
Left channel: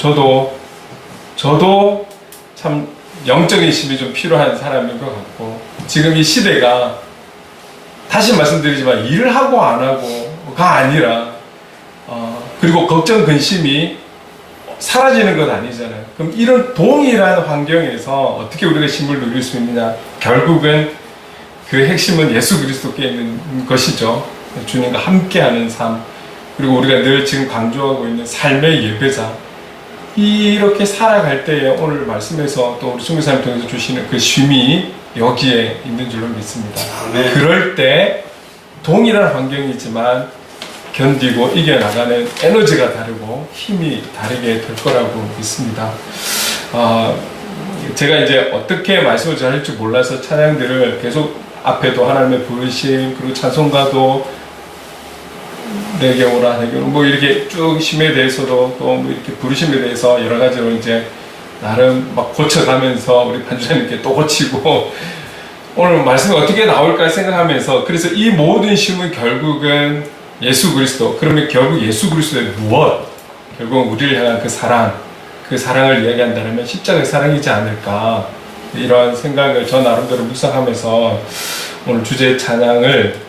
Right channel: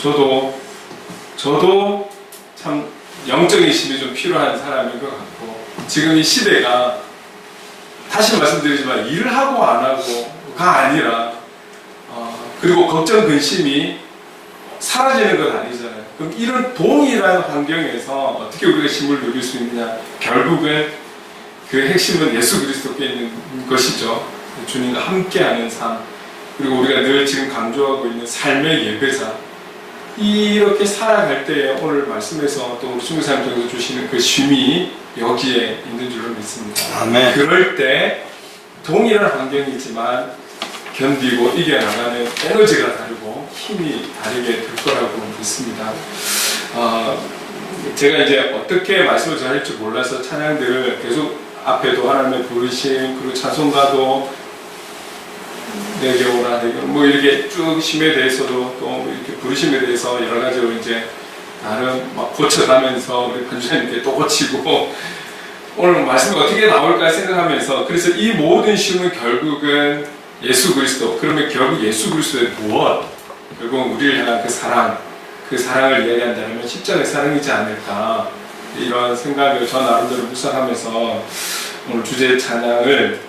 저도 참 영적인 쉼이 좀 필요한 사람인 것 같고 지금 이 시대가 다시 말씀드리지만 일을 하고 안 하고가 아니라 그리고 걱정 근심이 사라지는 건 아니잖아요. 그럼 이런 동일한 환경에서 어떻게 우리가 쉼을 누릴 수 있느냐? 결국은 그 핵심은 예수 그리스도께 있는 것이죠. 주님과 함께하는 삶. 그리고 우리가 늘 지금 강조하고 있는 삶의 예배자. 이렇게 살아갈 때에 오늘 말씀에서 또 우리 순교사님 통해서 주시는 그 쉼이 여기에 있는 줄로 믿습니다. 아멘. 그럴 때 동일한 환경이지만 견디고 이겨나가는 에너지가 다르고 힘이 다르게 될 거라고 믿습니다. 제가 이제 어떻게 말씀을 전할지 몰라서 찬양들을 계속 앞에도 하나님의 부르심 그리고 찬송가도 내게 오라 내게 뭐 이렇게 쭉 쉼에 대해서도 또 뭐 이렇게 부르심에 대해서 여러 가지로 이제 나름 막 고쳐가면서 우리 반주사님께 또 고치고 오늘 말씀이 어떻게 나올까 생각하면서 그래서 이 모든 쉼은 결국은 예수 그리스도 그러면 결국 예수 그리스도의 무엇 결국 우리를 향한 그 사랑을 이야기한다면 십자가의 사랑이지 않을까 이런 생각을 저 나름대로 묵상하면서 오늘 주제 찬양을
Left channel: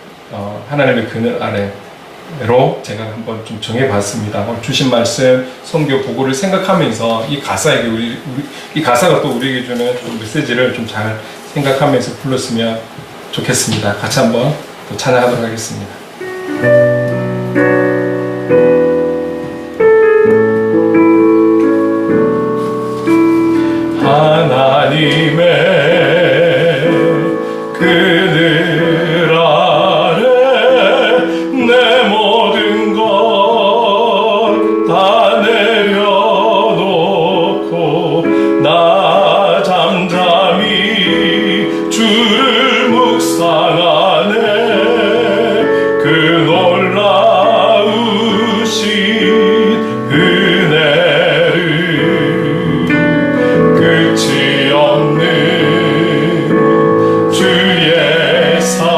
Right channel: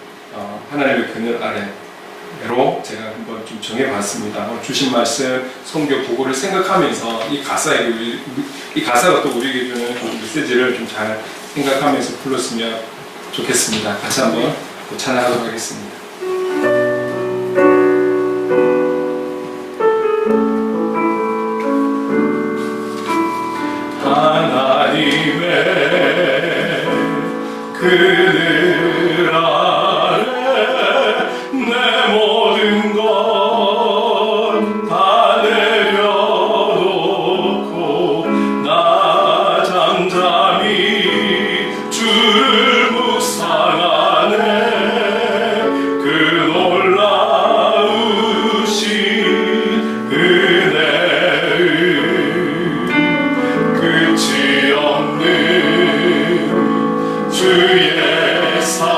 하나님의 그늘 아래로 제가 한번 좀 정해봤습니다. 주신 말씀, 선교 보고를 생각하면서 이 가사가 또 우리에게 주는 메시지를 좀 잘 생각하면서 불렀으면 좋겠습니다. 같이 한번 찬양하도록 하겠습니다. 하나님의 그늘 아래 내 모든 것 다 내려놓고 나 잠잠히 줄 묵상하네 그 놀라우신 은혜를 끝이 없는 주의 사랑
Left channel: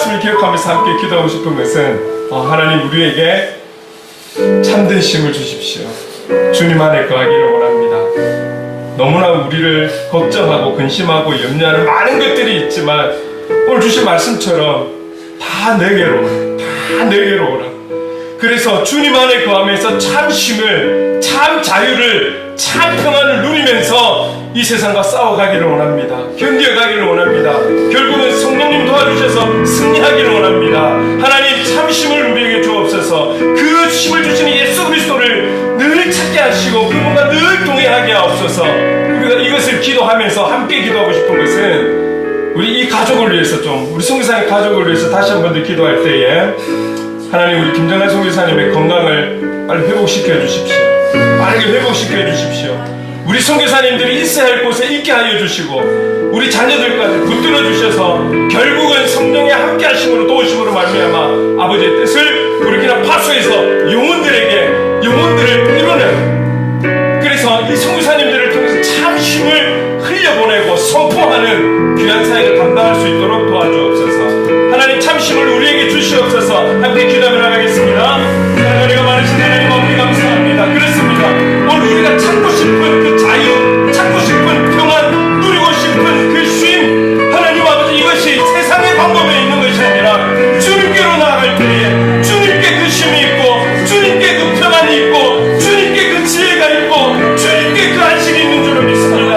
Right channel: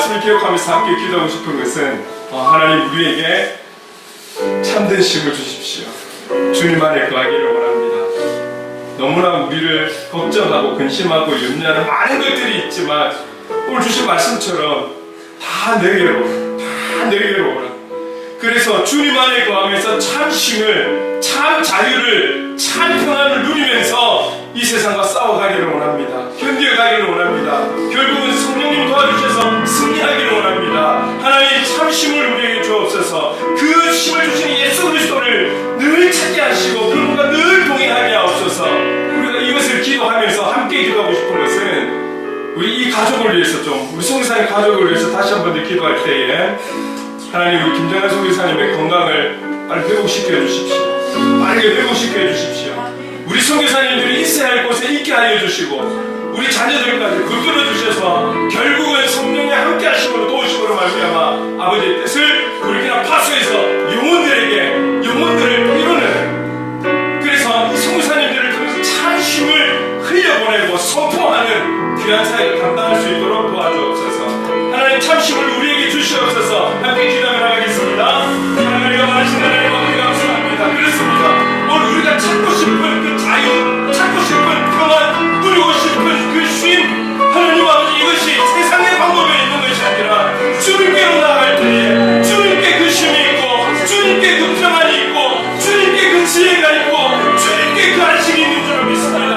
말씀을 기억하면서 함께 기도하고 싶은 것은 하나님 우리에게 참된 힘을 주십시오. 주님 안에 거하기를 원합니다. 너무나 우리를 걱정하고 근심하고 염려하는 많은 것들이 있지만 오늘 주신 말씀처럼 다 내게로 오라. 그래서 주님 안에 거하면서 참 쉼을, 참 자유를, 참 평안을 누리면서 이 세상과 싸워가기를 원합니다. 견뎌가기를 원합니다. 결국은 성령님 도와주셔서 승리하기를 원합니다. 하나님 참 쉼을 우리에게 주옵소서. 그 힘을 주시는 예수 그리스도를 늘 찾게 하시고 그분과 늘 동행하게 하옵소서. 우리가 이것을 기도하면서 함께 기도하고 싶은 것은 우리 이 가족을 위해서 우리 성교사님 가족을 위해서 다시 한 번 더 기도할 때에 하나님 우리 김정환 성교사님의 건강을 빨리 회복시켜 주십시오. 빠르게 회복시켜 주십시오. 우리 선교사님들이 있어야 할 곳에 있게 하여 주시고 우리 자녀들까지 붙들어 주셔서 결국은 성령의 함께 하심으로 도우심으로 말미암아 아버지의 뜻을 부르키나 파수에서 영혼들을 이루는, 그래서 이 선교사님들을 통해서 참 힘을 흘려보내고 선포하는 귀한 사역을 감당할 수 있도록 도와주옵소서. 하나님 참 힘을 우리에게 주시옵소서. 함께 기도하며 나가겠습니다. 하나님의 많으신 하나님 아버지 감사합니다. 그렇습니다. 오늘 우리가 찾고 싶은 그 자유, 찾고 싶은 평안, 누리고 싶은 그 쉼, 하나님 아버지 이것이 세상의 방법에 있는 것이 아니라 주님께로 나아갈 때에 주님께 그 쉼이 있고 주님께 그 평안이 있고 주님께 그 지혜가 있고 주님께 그 안식이 있는 줄을 믿습니다.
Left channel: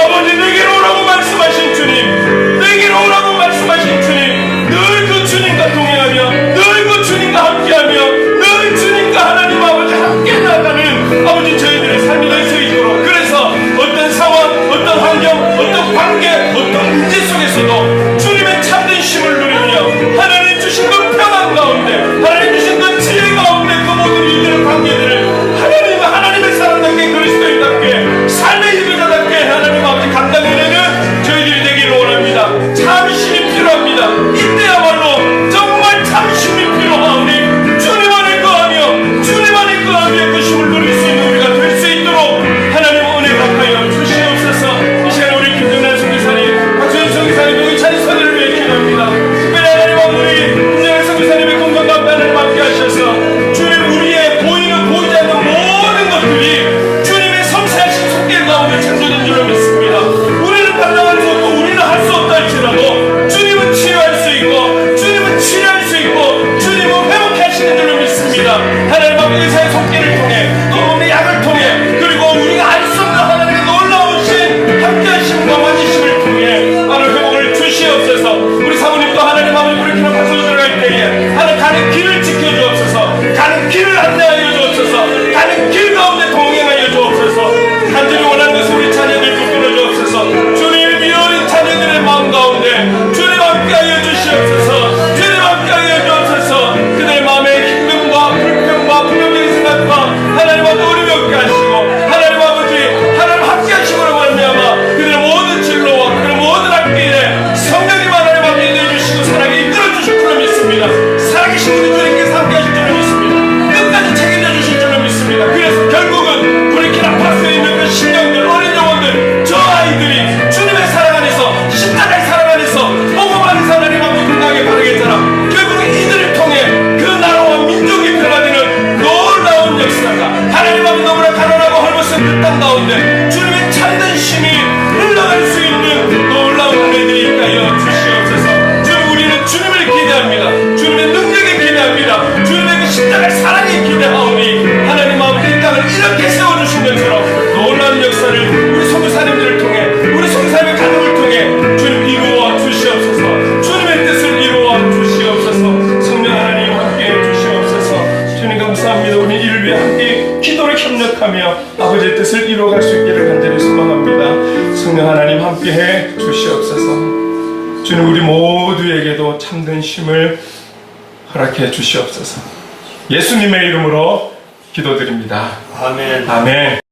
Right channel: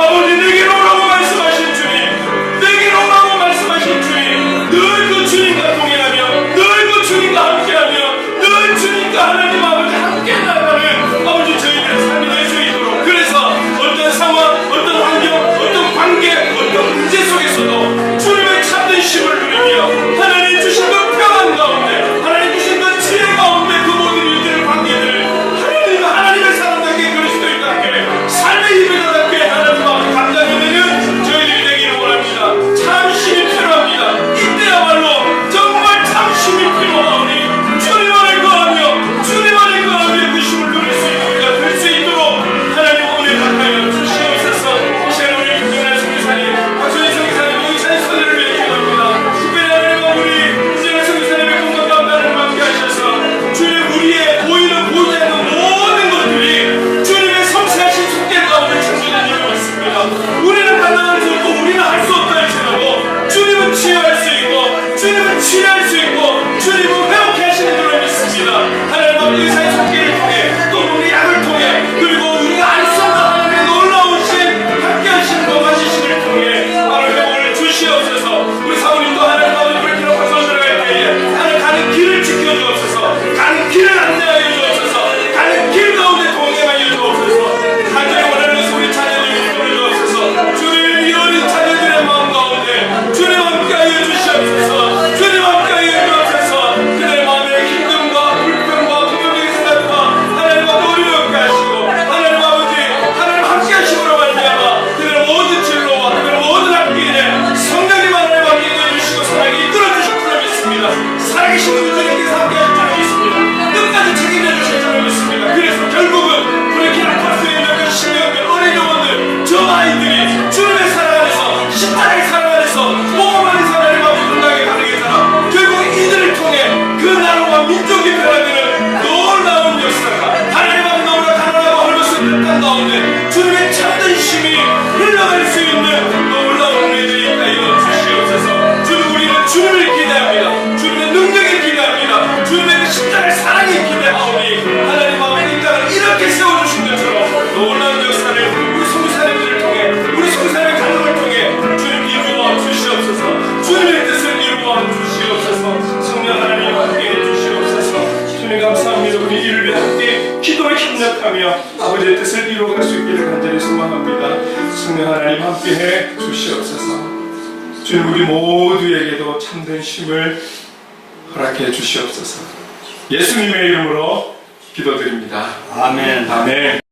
아버지 내게로 오라고 말씀하신 주님, 내게로 오라고 말씀하신 주님, 늘 그 주님과 동행하며 늘 그 주님과 함께하며 늘 주님과 하나님 아버지 함께 나가는 아버지 저희들의 삶이 될 수 있도록, 그래서 어떤 상황, 어떤 환경, 어떤 관계, 어떤 문제 속에서도 주님의 참된 힘을 누리며 하나님 주신 그 평안 가운데, 하나님 주신 그 지혜 가운데 그 모든 일들을, 관계들을 하나님의 사람답게 그리스도인답게 삶의 힘이다답게 하나님 앞에 감당해내는 저희들이 되기를 원합니다. 참심이 필요합니다. 이때야말로 정말 참심이 필요하오니 주님 안에 거하며 주님 안에 거하며 그 힘을 누릴 수 있는 우리가 될 수 있도록 하나님 은혜 갚아여 주시옵소서. 이 시간 우리 김정란 선교사님, 박수현 선교사님, 우찬 선교를 위해 기도합니다. 특별히 하나님 우리 김정란 선교사님의 건강 가운데 하나님 함께 하셔서 주님 우리의 보이는 보이지 않는 모든 것들이 주님의 섬세하신 손길 가운데 창조된 줄을 믿습니다. 우리는 반항하면서 또 우리는 할 수 없다 할지라도 주님은 치유할 수 있고 주님은 치료할 수 있고 주님은 회복해 하시는 줄로 믿습니다. 하나님 아버지 의사의 손길을 통해 또 우리 약을 통해 그리고 우리가 알 수 없는 하나님의 놀라우신 함께 하심과 맞으심을 통해 하나님 회복을 주시옵소서. 우리 사모님도 하나님 아버지 그렇게 파서 들어갈 때에 하나님 가는 길을 지켜주옵소서. 가는 길을 안내하여 주옵소서. 가는 길 가운데 동행하여 주옵소서. 간절히 원하는 것을 우리 자녀들이 붙들어 주옵소서. 주님 이 어린 자녀들의 마음 가운데 주님 함께하여 주시옵소서. 주님 함께하여 주옵소서. 그들의 마음에 힘듦과 불평과 부정적인 생각과 하나님 아버지 어림이 없게 하시고 하나님 아버지 하나님 함께 하심으로 말미암아 그들의 모든 진로와 그들의 모든 앞길에 성령님 하나님 함께 내주시고 사랑에 이끌어 주실 줄로 믿습니다. 살아계신 우리 주님께서 함께 하실 줄로 믿습니다. 끝까지 책임져 주실 줄로 믿습니다. 그래서 결국은 브레이키나 파스에 있는 그 신령들, 어린 영혼들, 저 아이들이 주님의 사랑 안에서 십자가의 사랑 안에서 복음 안에서 하나님 아버지 건강하게 가능했잖아. 결국 이들을 통해 그 나라와 민족이 변화되는 놀라운 역사가 하나님 아버지 너무나 가난하고 헐벗은 그 땅 가운데 주님의 참된 힘이 흘러갈 수 있는 놀라운 은혜들이 있게 하여 주시옵소서. 주님 우리는 주님을 기대합니다. 주님의 능력에 기대합니다. 주님의 그 십자가의 사랑에 기대하오니 하나님 아버지 이 땅을 이렇게 세워주신 것처럼 놀라운 역사를 우리 선교사님들을 통해 우리 선교사님의 가족을 통해 주님 이루어 주시옵소서. 주님의 뜻을 이루어 주시옵소서. 성령 하나님 함께해 주시옵소서. 주님 감사합니다. 우리 이를 위해 함께 기도를 협력하며 아버지의 뜻을 이루어갈 수 있기를 간절히 소망합니다. 성령 하나님 함께해 주시옵소서. 주님 우리 모두에게도 참된 힘을 허락해 주시옵소서. 예수님의 이름으로 기도드립니다. 아멘. 아멘.